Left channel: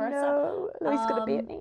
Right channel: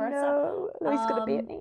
versa. No, Louise is going to beat me.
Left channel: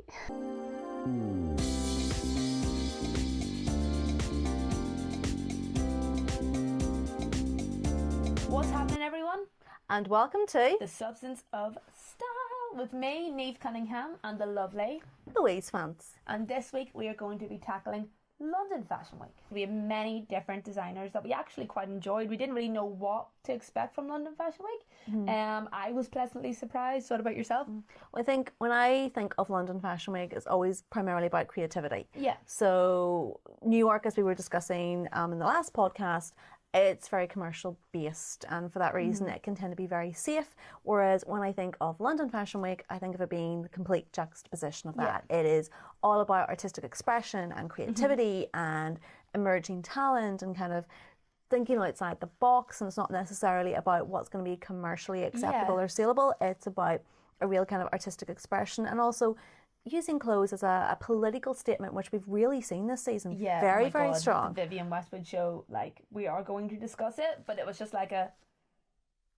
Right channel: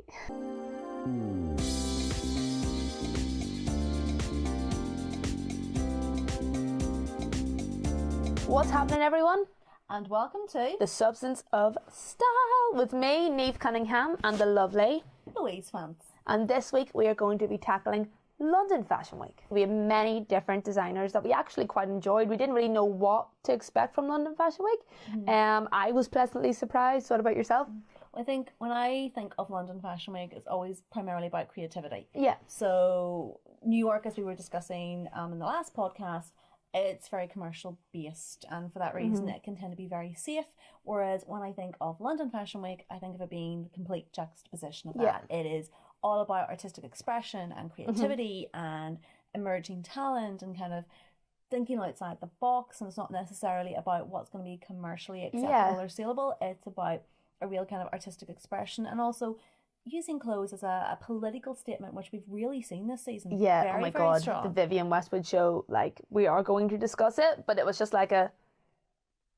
What's happening, everyone? And welcome to The Substance of Style with me, Niamh Cunningham, and the lovely Louise Vance. And this week we are going to be tackling London Fashion Week. We have many different designers that we actually quite enjoyed. We didn't really know what to expect from London Fashion Week. I was pleasantly surprised. What about yourself? I think when I think of London Fashion Week, it's always primarily about creativity. Yeah. So New York, as we were discussing in the last podcast, it's very commercial based, and for that reason it can tend to be very safe, whereas when I think of London Fashion Week, I think of it being the complete juxtaposition of that. It is all about artistic expression and creativity and emerging talent and kind of thinking outside the box, and it's not necessarily about what's going to be commercially acceptable or saleable. It's about a real kind of artistic expression, and also using clothes as a political statement, which we've really seen this season. Yeah, very God, strong. The Vivienne Westwood show, like, we are going to discuss it, but it was just like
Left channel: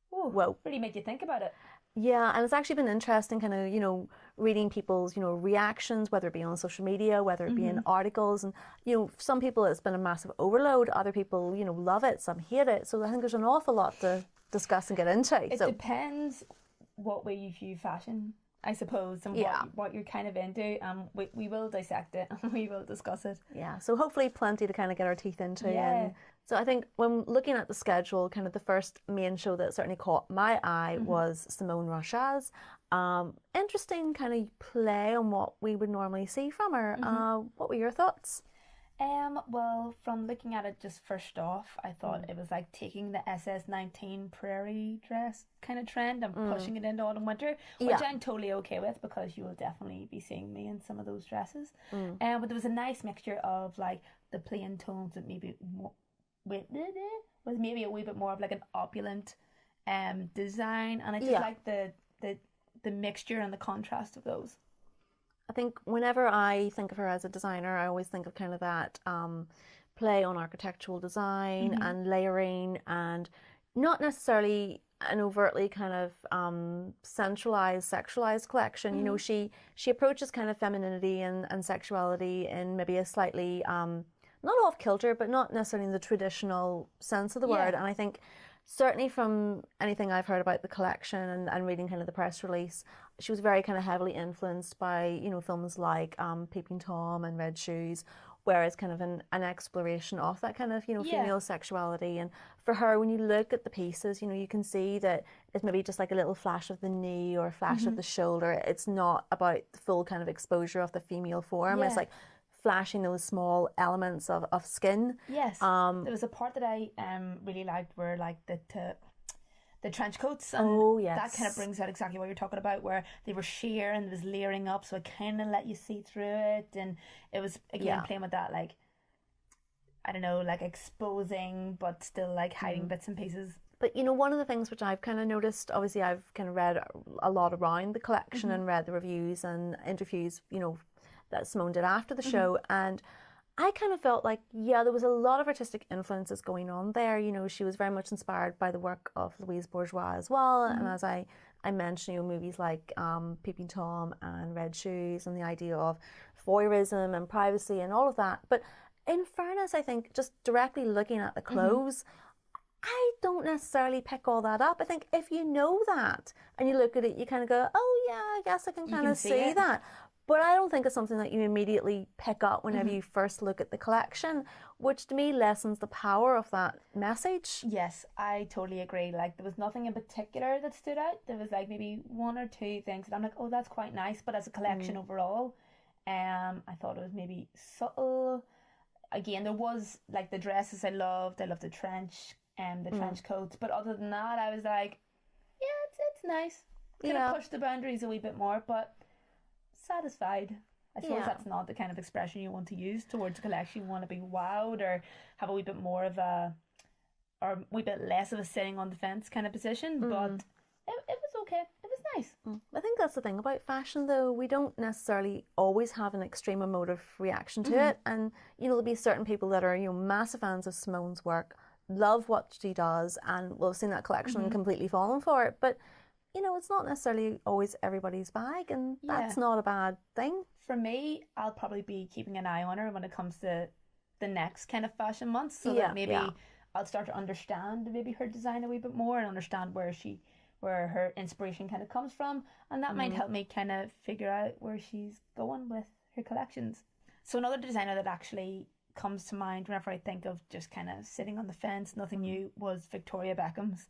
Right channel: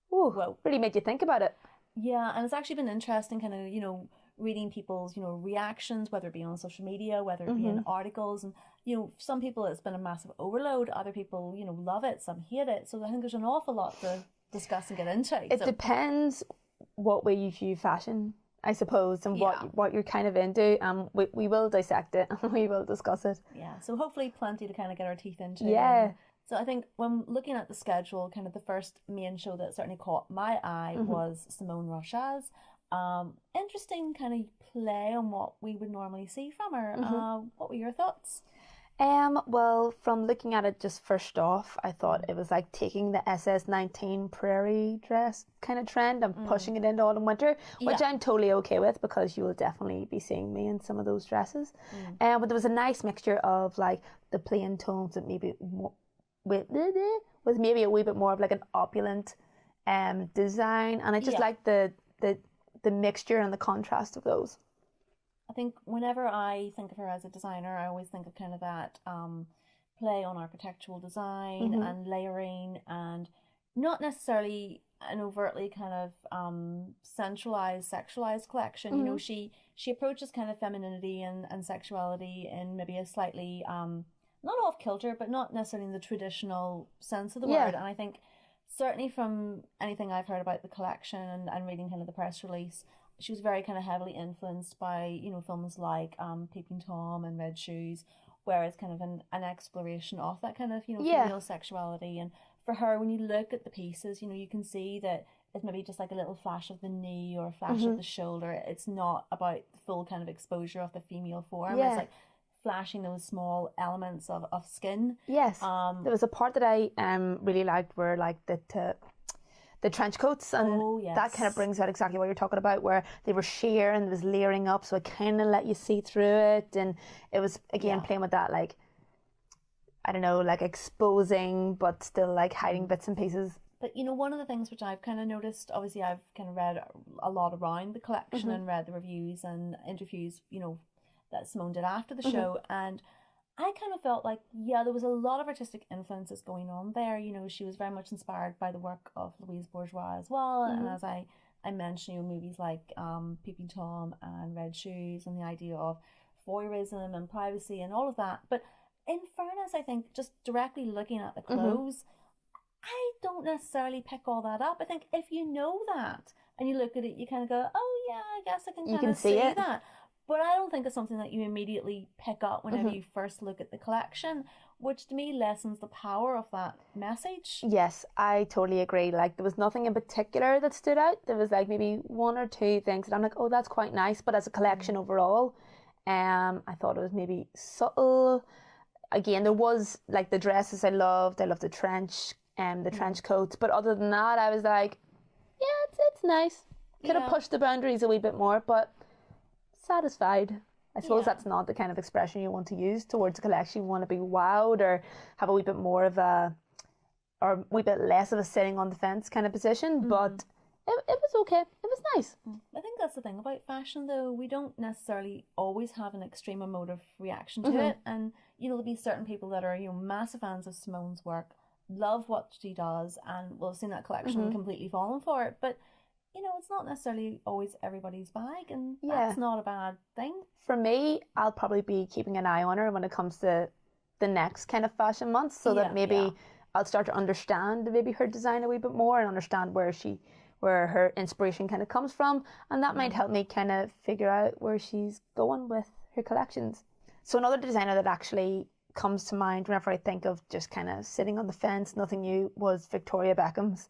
whoa, really made you think about it. Yeah, and it's actually been interesting kind of, reading people's, reactions, whether it be on social media, whether it be in articles. And, some people it's been a massive overload. Other people, love it. Some hate it. So I think there's an awful lot to discuss and get into. It depends what way you view fashion, I suppose, and what you're kind of into. We will dissect it and we will discuss it. Yeah, so hopefully plenty to kind of get our teeth into. Yeah. So I think when looking at the schedule, kind of the first main show that certainly caught my eye was Simone Rocha's. Interesting kind of play on what we would normally see from her. What were your thoughts? Well, from looking at it just first off, I thought it was like taking the SS19 prairie dress kind of trend and pushing it into autumn winter, which I'm totally okay with because you will definitely be seeing me in some of those dresses. But there was a nice mixture of like the plain tones and maybe with maybe a wee bit more of like an opulent design, and I just like the mixture and the contrast of those. I think whenever I think of her as a designer, I always think of kind of that play on architectural design and layering, and not necessarily an overtly kind of sexualized collection. She approaches kind of femininity and sexuality in maybe a slightly not off kilter, but not necessarily in the traditional sense of the word. And I think certainly from anything I've heard about the collection and reading kind of the press release, she was very kind of heavily influenced by, films like Peeping Tom and Red Shoes, where it's kind of an exploration of that kind of, female sexuality. And for her, when you look at the pieces, you can see that it's maybe just like a little flash of the knee or a flash of the shoulder. It's not about the full kind of exposure of the female form. It's like flashing those small elements of skin. Yes. There was a part that I really liked where like the trench coats, and that kind of brings out exactly what you're talking about, where they were sheer and it was layering up, so it kind of let you see through it, and it was again playing with that, like, I don't know, like exposing but still like hiding bits and pieces. But one of the things which I've kind of noticed, obviously I've kind of read a lot around the collection and read the reviews and interviews, that Simone did after the show, and I kind of felt like, there was a lot of artistic influences going on there. She was very much inspired by the work of Louise Bourgeois as well, and as I mentioned, movies like Peeping Tom and Red Shoes, and the idea of voyeurism and privacy and all of that. But in fairness, I think just directly looking at the clothes, I don't necessarily pick all that up. I think if you know that and you look at it, you kind of go, oh yeah, I guess I can kind of see that. But I don't think it's something that you immediately pick up whenever you first look at the collection, which to me lessens the power of that message. Yes, I totally agree. Like, there was nothing in particular that stood out. There was like maybe one or two things that I'm like, oh, that's quite nice. But as a collection overall, I thought it was maybe subtle. Again, there was like the dresses I loved the trench trench coats. But other than that, I was like, yeah, it's nice. Could have pushed the boundaries a wee bit more, but satisfied. I suppose that's not the kind of expression you want to use towards a collection. You want to be wowed or have a wee bit more of or a wee bit less of a sitting on the fence kind of position, but it was okay. It was nice. I think that's the thing about fashion, though. We don't necessarily always have an extreme emotive reaction to it, and there'll be certain people that are massive fans of Simone's work, love what she does, and will have seen that collection and completely fallen for it. But you know, it's not necessarily always everybody's bag, and Yeah. that's not a bad thing. For me, I'll probably be keeping an eye on her when it comes to the next kind of fashion months, so Yeah, that maybe yeah. I'll start to understand maybe her design a wee bit more and understand where her inspiration kind of comes from, and that might help me kind of figure out where she's going with her collections. So another designer that actually comes to mind whenever I think of just kind of sitting on the fence, nothing new, was Victoria Beckham's.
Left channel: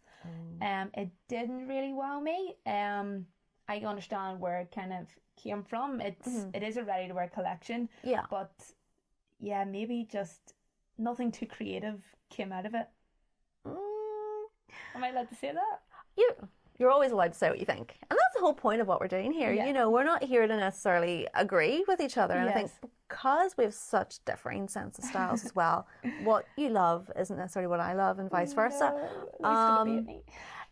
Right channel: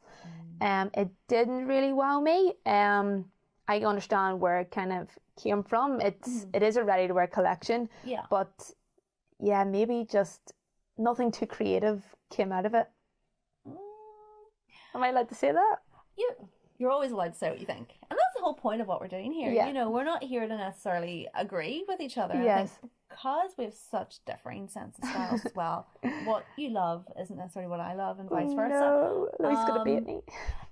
It didn't really wow me. I understand where it kind of came from. It is a ready to wear collection, Yeah. but yeah, maybe just nothing too creative came out of it. Am I allowed to say that? You're always allowed to say what you think. And that's the whole point of what we're doing here. Yeah. You know, we're not here to necessarily agree with each other. And I think Yes. because we have such differing sense of styles as well, what you love isn't necessarily what I love and vice versa. No, Louise gonna beat me.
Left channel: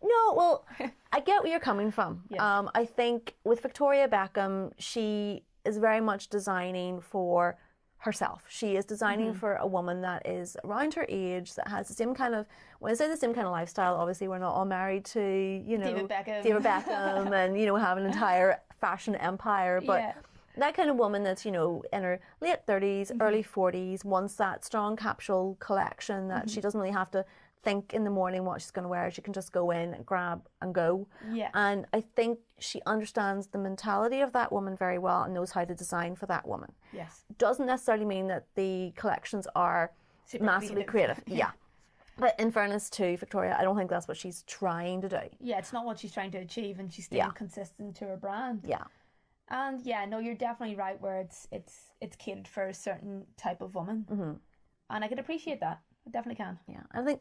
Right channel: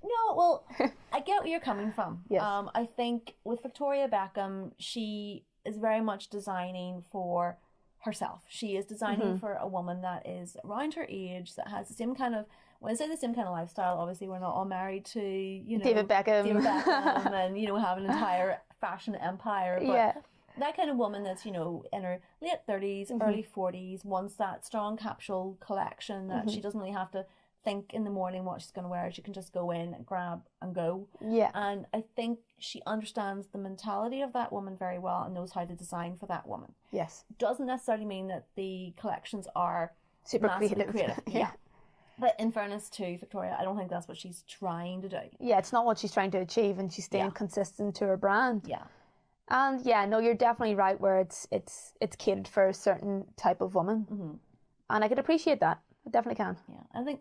No, well, I get where you're coming from. Yes. I think with Victoria Beckham, she is very much designing for herself. She is designing for a woman that is around her age, that has the same kind of, when I say the same kind of lifestyle, obviously we're not all married to, you know, David Beckham. and, you know, have an entire fashion empire, but Yeah. that kind of woman that's, you know, in her late 30s, early 40s, wants that strong capsule collection that she doesn't really have to think in the morning what she's going to wear. She can just go in and grab and go. Yeah. And I think she understands the mentality of that woman very well and knows how to design for that woman. Yes. Doesn't necessarily mean that the collections are Super massively creative. creative. Yeah. But in fairness to Victoria, I don't think that's what she's trying to do. Yeah, it's not what she's trying to achieve, and she's staying consistent to her brand. Yeah. And yeah, no, you're definitely right where it's catered for a certain type of woman. And I could appreciate that. I definitely can. Yeah. I think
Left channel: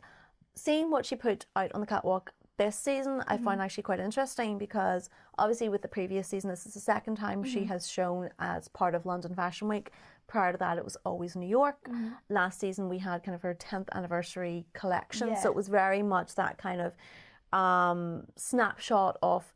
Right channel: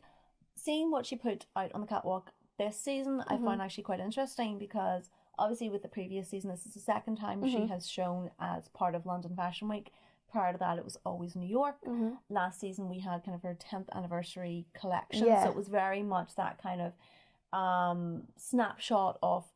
seeing what she put out on the catwalk this season, I found actually quite interesting, because obviously with the previous season, this is the second time she has shown as part of London Fashion Week. Prior to that, it was always New York. Last season, we had kind of her 10th anniversary collection. Yeah. So it was very much that kind of snapshot of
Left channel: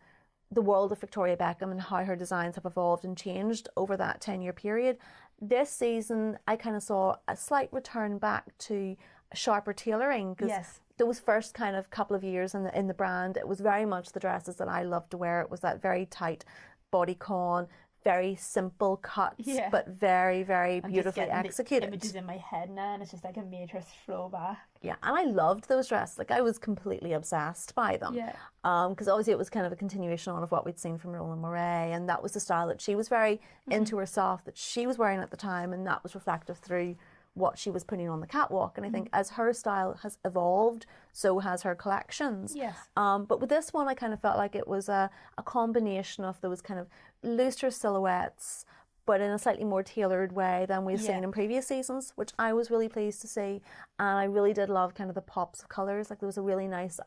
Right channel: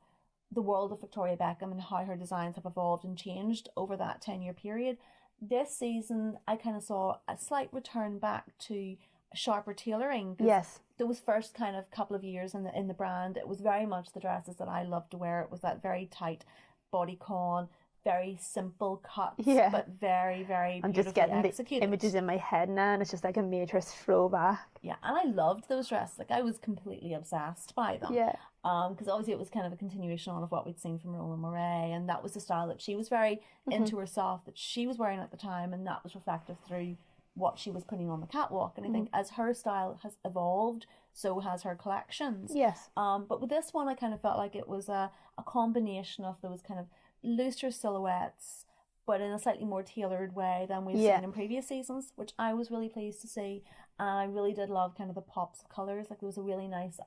the world of Victoria Beckham and how her designs have evolved and changed over that 10-year period. This season, I kind of saw a slight return back to sharper tailoring. 'Cause Yes. those first kind of couple of years in the brand, it was very much the dresses that I loved to wear. It was that very tight bodycon, very simple cuts, Yeah. but very, very I'm just beautifully getting the executed. images in my head now, and it's just like a major throwback. Yeah, and I loved those dresses. Like, I was completely obsessed by them. Yeah. Because obviously it was kind of a continuation on of what we'd seen from Roland Mouret, and that was the style that she was very into herself, that she was wearing at the time, and that was reflective through what she was putting on the catwalk. And I think as her style has evolved, so has her collections. Yes. But with this one, I kind of felt like it was a combination of those kind of looser silhouettes, but in a slightly more tailored way than we've seen in previous seasons, which I was really pleased to see. And I really did love kind of the pops of colours. Like, there was a really nice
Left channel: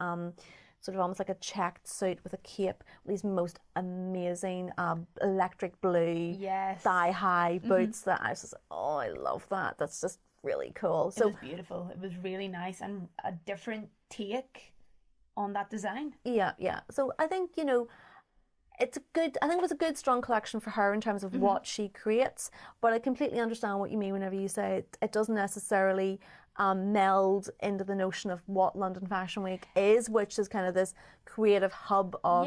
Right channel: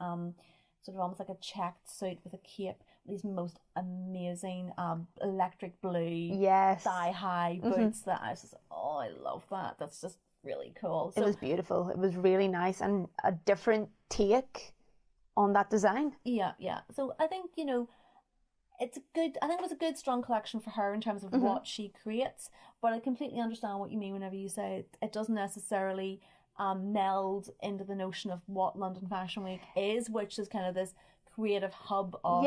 sort of almost like a checked suit with a cape, with these most amazing electric blue Yes. thigh-high boots that I was just like, oh, I love that. That's just really cool. It So was beautiful. It was really nice and a different take on that design. yeah. So I think, you know, I think it was a good, strong collection for her in terms of what she creates. But I completely understand what you mean whenever you say it doesn't necessarily meld into the notion of what London Fashion Week is, which is kind of this creative hub of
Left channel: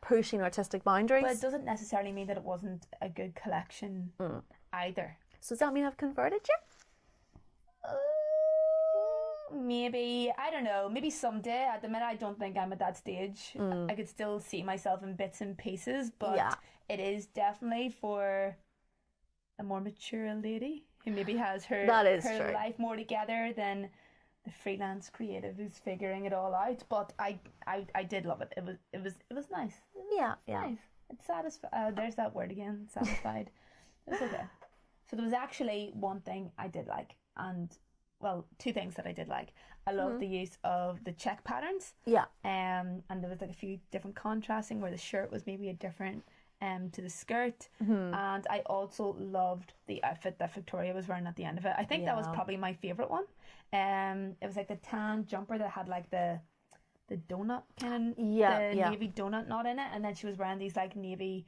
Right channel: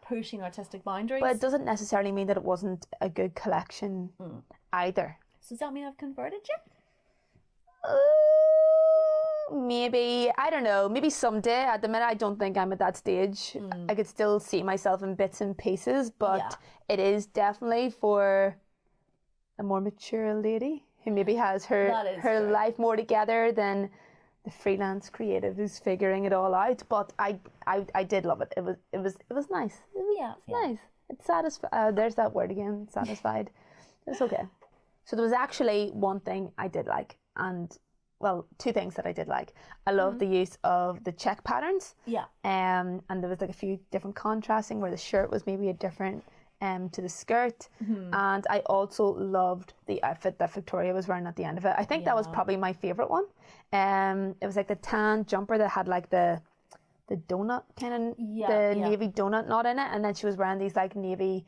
pushing artistic boundaries. But it doesn't necessarily mean that it wasn't a good collection either. So does that mean I've converted you? Maybe, I don't know, maybe someday. At the minute, I don't think I'm at that stage. I could still see myself in bits and pieces, but it is definitely for a more mature lady who maybe has her true. life more together than the freelance creative who's figuring it all out. But I did love it. It was nice. Yeah. Nice. It's satisfied. There's that word again. Satisfied. It's okay. So there was actually one thing I did like, and well, two things that I did like. I love the use of the check patterns. Yeah. And there was like a few different contrasting where the shirt was maybe a different to the skirt. And I also loved the outfit that Victoria was wearing at the end of it. I think that was probably my favourite one. It was like the tan jumper that had like the donut kind of navy donut knot in it, and then she was wearing these like navy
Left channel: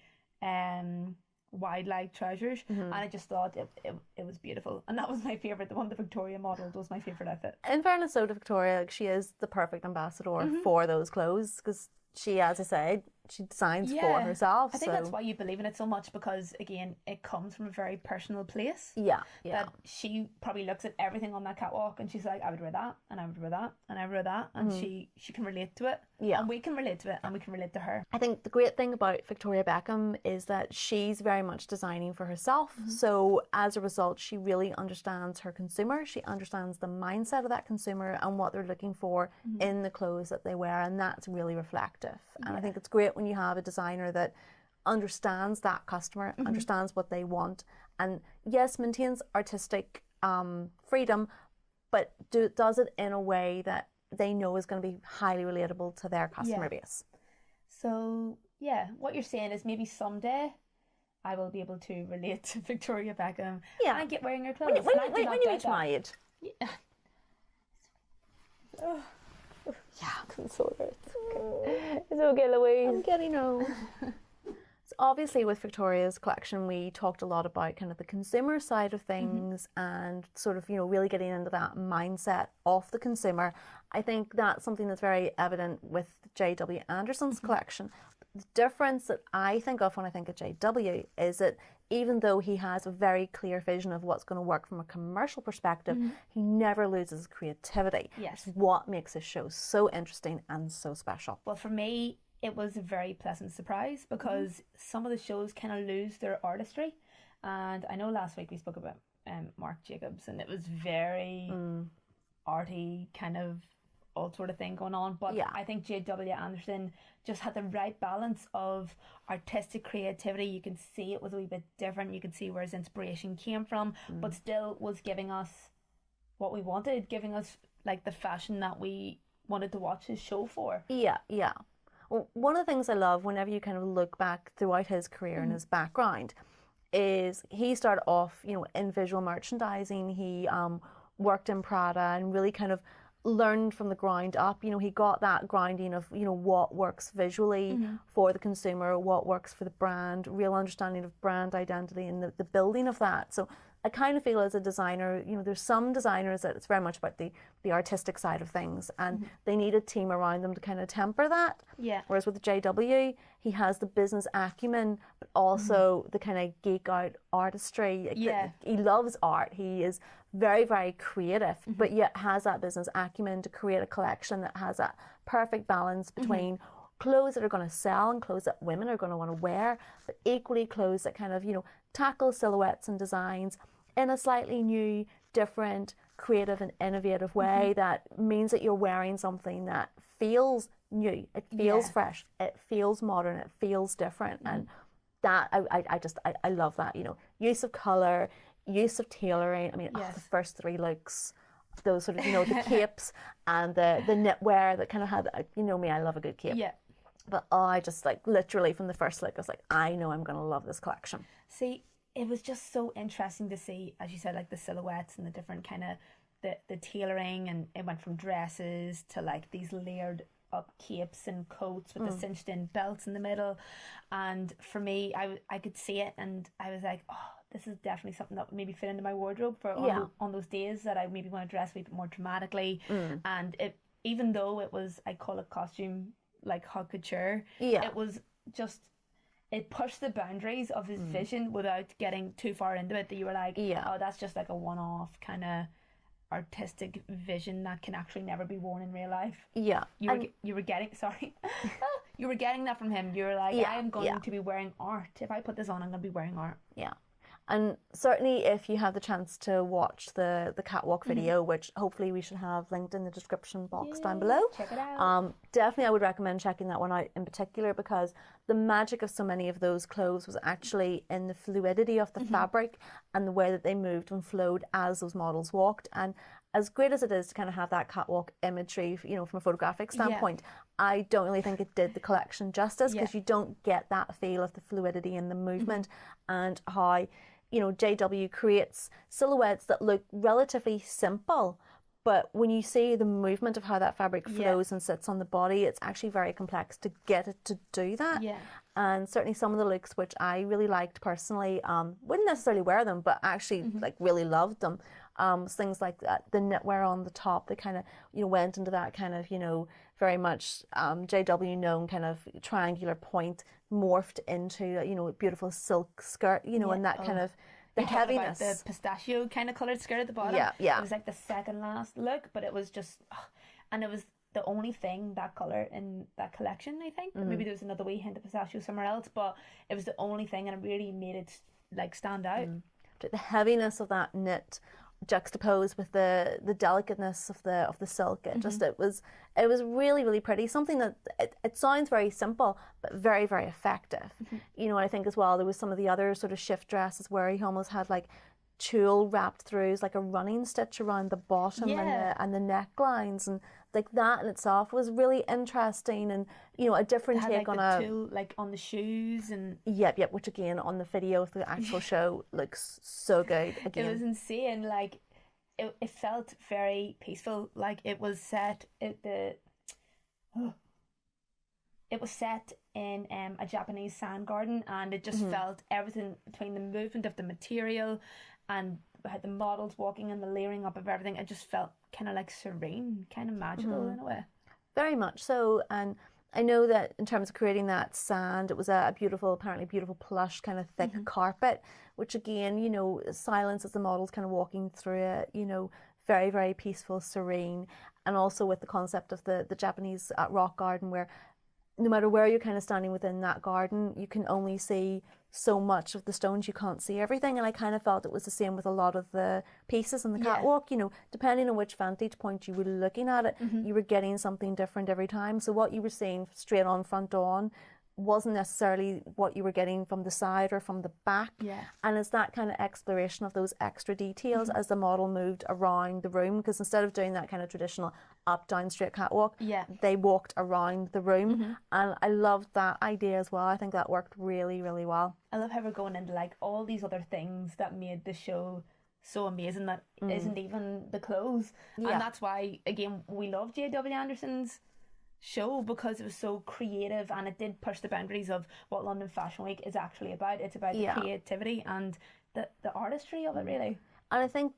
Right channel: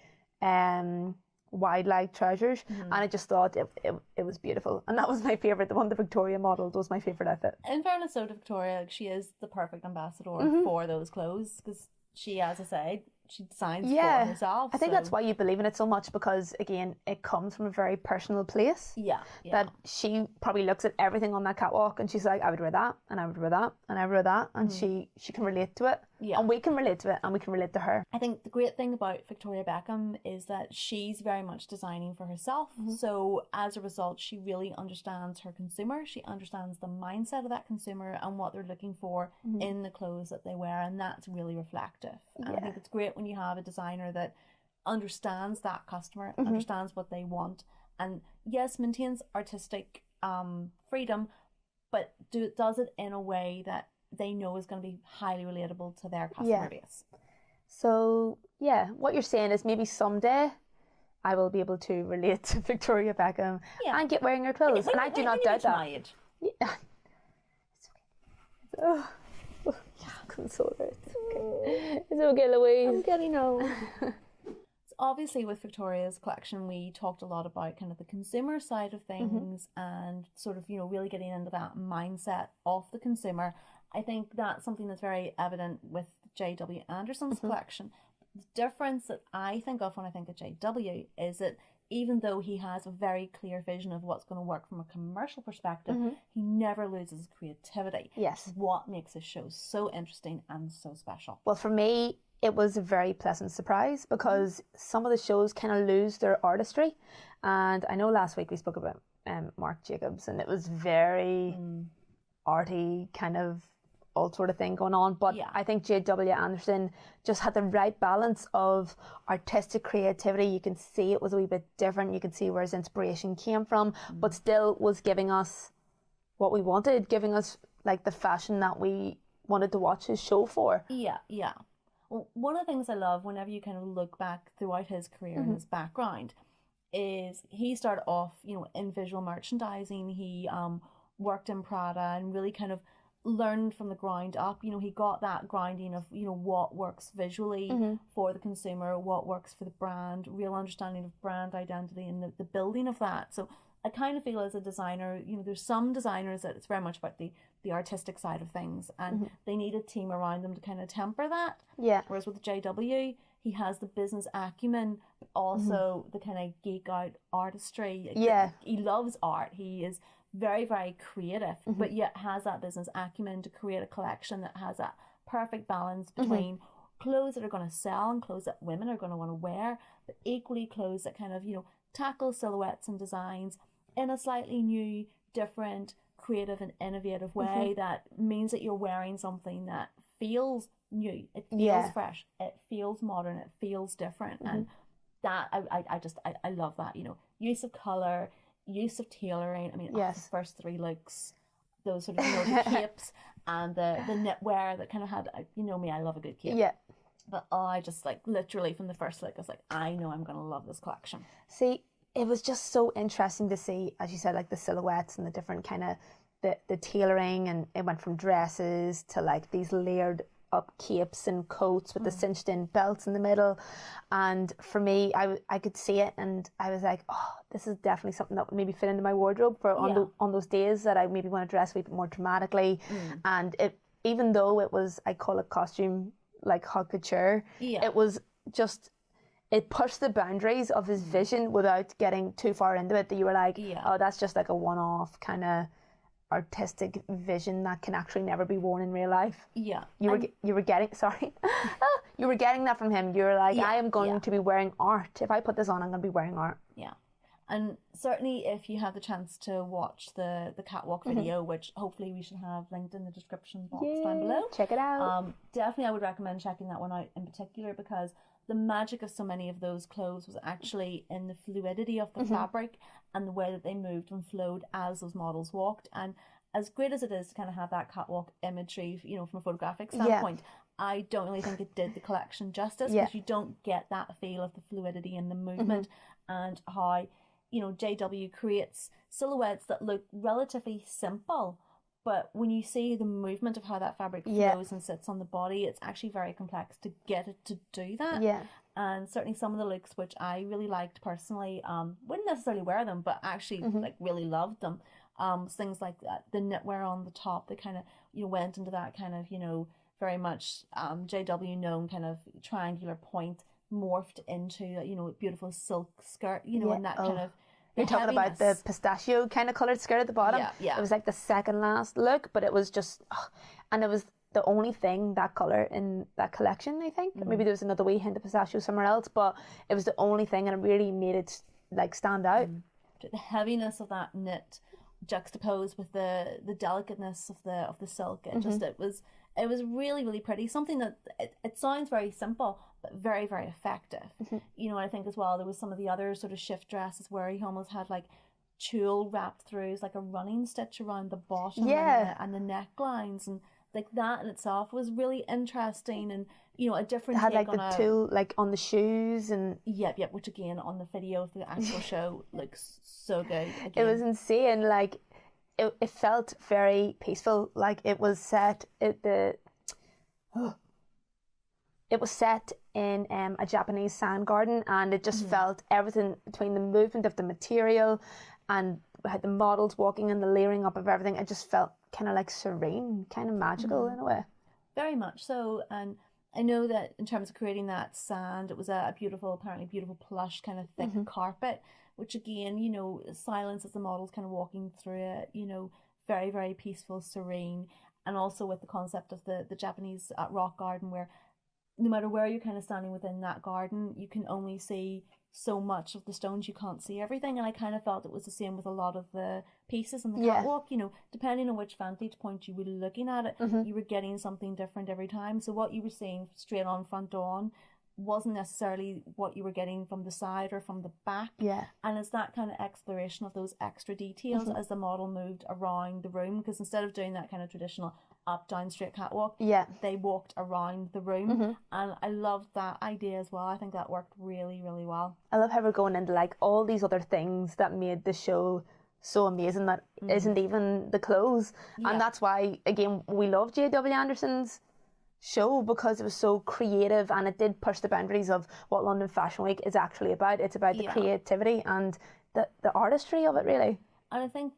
wide leg trousers, and I just thought it was beautiful, and that was my favourite. The one the Victoria modelled was my favourite outfit. In fairness, so to Victoria, like, she is the perfect ambassador for those clothes, because she, as I said, she designs for Yeah. herself. I think so. that's why you believe in it so much, because again, it comes from a very personal place. Yeah. That she probably looks at everything on that catwalk and she's like, I would wear that, and I would wear that, and I would wear that, and she can relate to it. Yeah. And we can relate to it, and we can relate to her. I think the great thing about Victoria Beckham is that she's very much designing for herself. So as a result, she really understands her consumer. She understands the mindset of that consumer and what they're looking for in the clothes that they wear, and that's really reflective. And I think it's great when you have a designer that understands that customer, understands what they want, and yes, maintains artistic freedom, but does it in a way that they know is going to be highly relatable to their customer base. So yeah, what you're saying is maybe someday I will be able to relate to Victoria Beckham and get wearing her clothes. And I do not doubt that. My age. Yeah. Oh. Yeah, console her. It's okay. It's okay, Louise. I'm getting old. So obviously with Victoria's collection, we talked a lot about kind of the consumer side of things and sort of, really getting into that mindset of the consumer. I think that's something that's very evident with J.W. Anderson's collection. The difference that I think of when I think of J.W. is that even though he has a very clear vision of what's going to work from a commercial perspective, he never loses creativity. Yes. What makes his show so interesting and so special. Well, for me, it was a very pleasant surprise because some of the shows kind of lose their artistry. And I know last week we spoke about Marc Jacobs, and it was very arty, kind of all sort of thing going on. But I think J.W. Anderson just had the right balance of artistic creativity. You can see it was a wee bit different. You can see where his inspiration came from, but still was giving us what we wanted, giving us like the fashion that we wanted to watch his show for. Yeah. Well, one of the things I love whenever you kind of look back throughout his career and his background is he started off, in visual merchandising. He worked in Prada and really kind of learned from the ground up. He got that grounding of, what works visually for the consumer, what works for the brand, real understanding of brand identity and the building of that. So I kind of feel as a designer, there's some designers that it's very much about the artistic side of things, and they need a team around them to kind of temper that. Yeah. Whereas with JW, he has the business acumen, but also the kind of geek out artistry. Yeah. He loves art. He is very, very creative, but yet has that business acumen to create a collection that has that perfect balance between clothes that are going to sell and clothes that women are going to want to wear, but equally clothes that kind of, tackle silhouettes and designs in a slightly new, different, creative and innovative way that means that you're wearing something that feels new, it feels fresh, it feels modern, it feels different. And that, I love that, use of colour, use of tailoring. I mean, the first three looks, those sort of, the capes and the knitwear that kind of had, me, I love a good cape. Yeah. But I just literally from the first look, I was like, I know I'm going to love this collection. See, it was just so interesting to see, as you said, like the silhouettes and the different kind of the tailoring, and it went from dresses to like these layered up capes and coats with the cinched in belts in the middle. And for me, I could see it and I was like, oh, this is definitely something that would maybe fit into my wardrobe for on those days that I maybe want to dress a bit more dramatically. And it, even though it was, I call it costume like haute couture, it was just, it pushed the boundaries of his vision without getting too far into it, that you were like, oh, that's just like a one-off kind of artistic vision that can actually never be worn in real life. You were getting you were getting that from him. You were like, I am going to be wearing art. If I put this on, I'm going to be wearing art. And certainly if you have the chance to watch the catwalk video, which hopefully we should have linked in the description box down below. Check it out. Definitely I would recommend checking that one out in particular, because the magic of so many of those clothes was actually in the fluidity of the fabric and the way that they moved and flowed as those models walked. And as great as it is to kind of have that catwalk imagery, from a photographic standpoint, I don't really think it did the collection justice, because you don't get that feel of the fluidity and the movement and how JW creates silhouettes that look relatively simple, but when you see the movement of how that fabric flows and sits on the body, it's actually very complex to get it to do that. And certainly some of the looks which I really liked personally, wouldn't necessarily wear them, but actually really loved them. Things like that, the knitwear on the top that kind of went into that kind of very much JW known kind of triangular point morphed into, you know, a beautiful silk skirt, you know, and that kind of they talked about the pistachio kind of coloured skirt at the bottom. Yeah. It was like the second last look, but it was just, and it was the only thing that colour in that collection, I think. Maybe there was another wee hint of pistachio somewhere else, but it was the only thing, and it really made it like stand out. The heaviness of that knit juxtaposed with the delicateness of the silk, it was really, really pretty. Something that it sounds very simple but very, very effective. You know, I think as well there was some of the other sort of shift dresses where he almost had like tulle wrapped through like a running stitch around the bottom and the necklines, and like that in itself was really interesting, and you know, a different take like on the tulle like on the shoes, and which again on the video of the actual show looks so good again. It was insane. Like it felt very peaceful. Like it was set it was set in a Japanese sand garden, and it just felt everything between the movement of the material and had the models walking and the layering up of everything. It just felt kind of like serene, kind of magical in a way. Very much so. And I know that in terms of creating that sand, it was a beautiful, apparently beautiful plush kind of thick carpet, which again, you know, silence as the models kind of walking through it, you know, very, very peaceful, serene. And also with the concept of the Japanese rock garden, where no matter where you're kind of standing within that garden, you can only see so much of the stones, you can't see everything. And I kind of felt it was the same with a lot of the pieces in the catwalk, you know, depending on which vantage point you were looking at it, you were getting something different every time. So what you were seeing straight on, front on, wasn't necessarily what you were getting from the side or from the back. And it's that kind of exploration of those extra details as the model moved around the room, because instead of doing that kind of traditional up, down, straight catwalk, they walked around the room. And I loved that idea as well. I think that worked really, really well. I love how we're going into like all these other things that made the show so amazing that isn't even the clothes. And that's why, again, we love J.W. Anderson's show, because it was so creative, and it did push the boundaries of what London Fashion Week is actually about. It's about the creativity and the artistry of it, really. And I think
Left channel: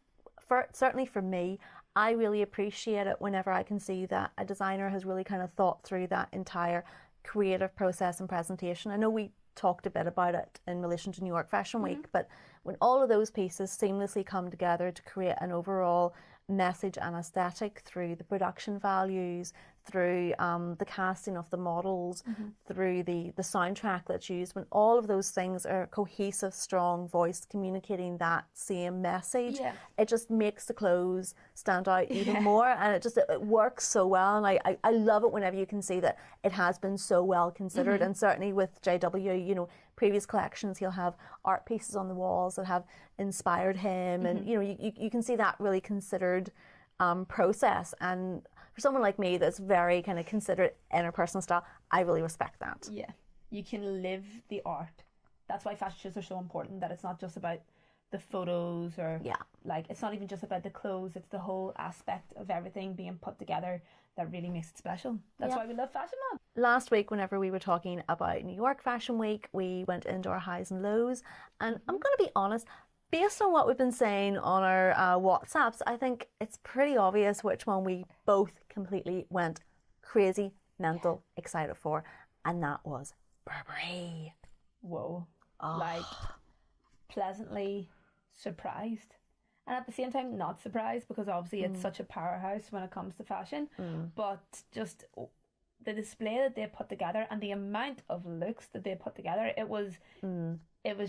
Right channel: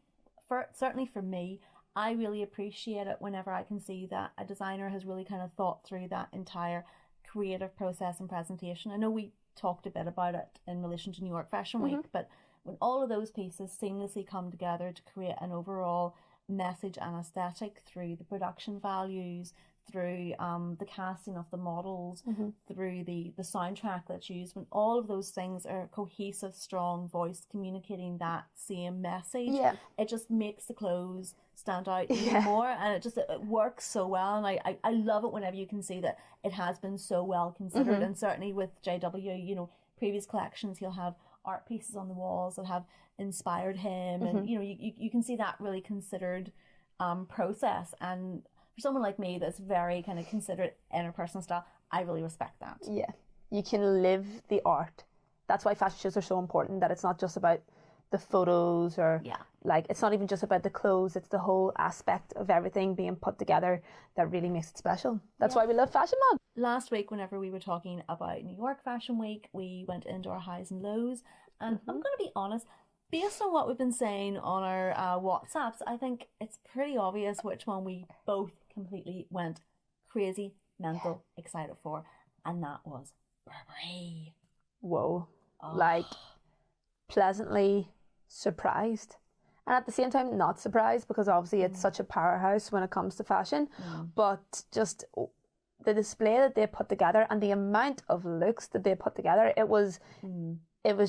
certainly for me, I really appreciate it whenever I can see that a designer has really kind of thought through that entire creative process and presentation. I know we talked a bit about it in relation to New York Fashion Week, but when all of those pieces seamlessly come together to create an overall message and aesthetic through the production values, through the casting of the models, through the soundtrack that's used, when all of those things are cohesive, strong voice communicating that same message, it just makes the clothes stand out even more, and it works so well. And I love it whenever you can see that it has been so well considered. And certainly with JW, you know, previous collections, he'll have art pieces on the walls that have inspired him, and you know, you can see that really considered process. And for someone like me that's very kind of considered interpersonal style, I really respect that. Yeah, you can live the art. That's why fashion shows are so important, that it's not just about the photos or like, it's not even just about the clothes, it's the whole aspect of everything being put together that really makes it special. That's why we love Fashion Month. Last week, whenever we were talking about New York Fashion Week, we went into our highs and lows, and I'm going to be honest, based on what we've been saying on our WhatsApps, I think it's pretty obvious which one we both completely went crazy, mental, excited for, and that was Burberry. Whoa. Like, pleasantly surprised. And at the same time, not surprised, because obviously it's such a powerhouse when it comes to fashion. But just the display that they put together and the amount of looks that they put together, it was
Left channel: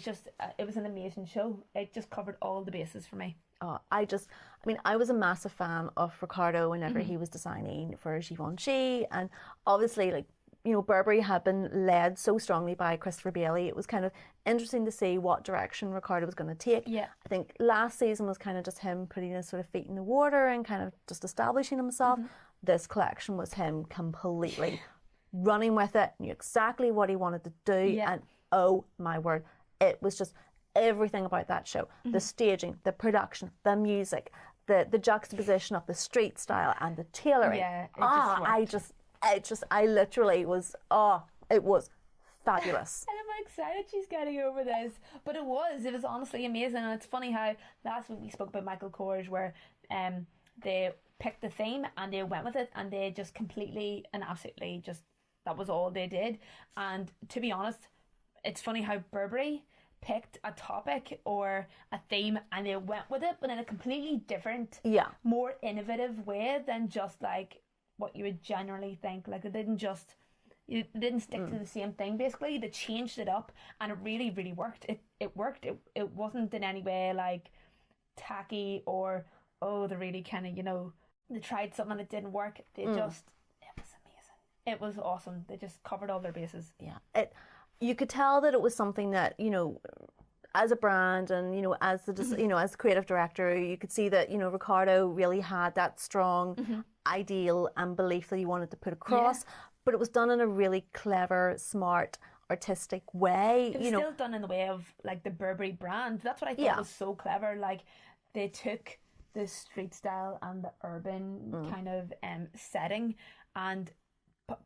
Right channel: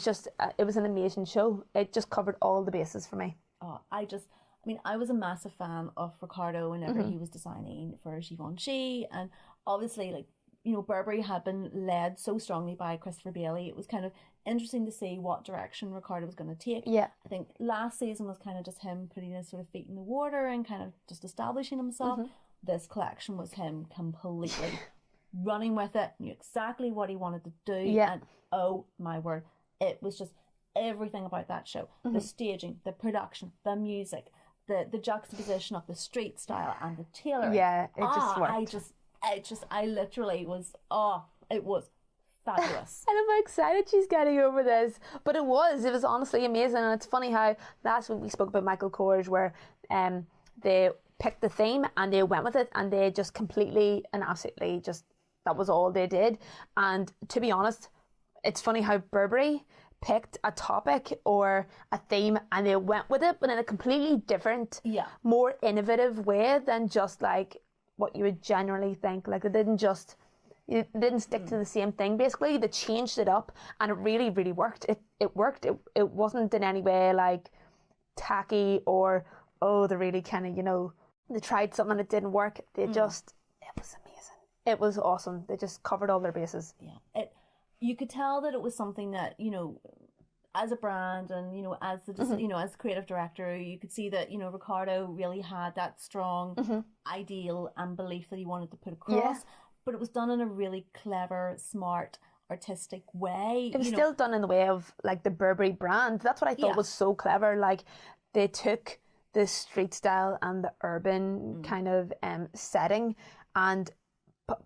just, it was an amazing show. It just covered all the bases for me. I was a massive fan of Riccardo whenever he was designing for Givenchy, and obviously, like, you know, Burberry had been led so strongly by Christopher Bailey. It was kind of interesting to see what direction Riccardo was going to take. I think last season was kind of just him putting his sort of feet in the water and kind of just establishing himself. This collection was him completely running with it, knew exactly what he wanted to do, and oh my word, it was just everything about that show. The staging, the production, the music, the juxtaposition of the street style and the tailoring. I literally was, it was fabulous. And I'm excited she's getting over this. But it was honestly amazing. And it's funny how last week we spoke about Michael Kors, where they picked the theme and they went with it, and they just completely and absolutely just, that was all they did. And to be honest, it's funny how Burberry picked a topic or a theme and they went with it, but in a completely different, more innovative way than just like what you would generally think. Like, they didn't stick to the same thing. Basically, they changed it up, and it really, really worked. It worked. It wasn't in any way like tacky or, oh, they really kind of, you know, they tried something and it didn't work. They just, it was amazing. It was awesome. They just covered all their bases. Yeah. You could tell that it was something that, you know, as a brand and, you know, as the you know, as the creative director, you could see that, you know, Ricardo really had that strong ideal and belief that he wanted to put across, but it was done in a really clever, smart, artistic way. It was still done in the way of like the Burberry brand. That's what I thought was so clever. Like, they took the street style and the urban kind of setting and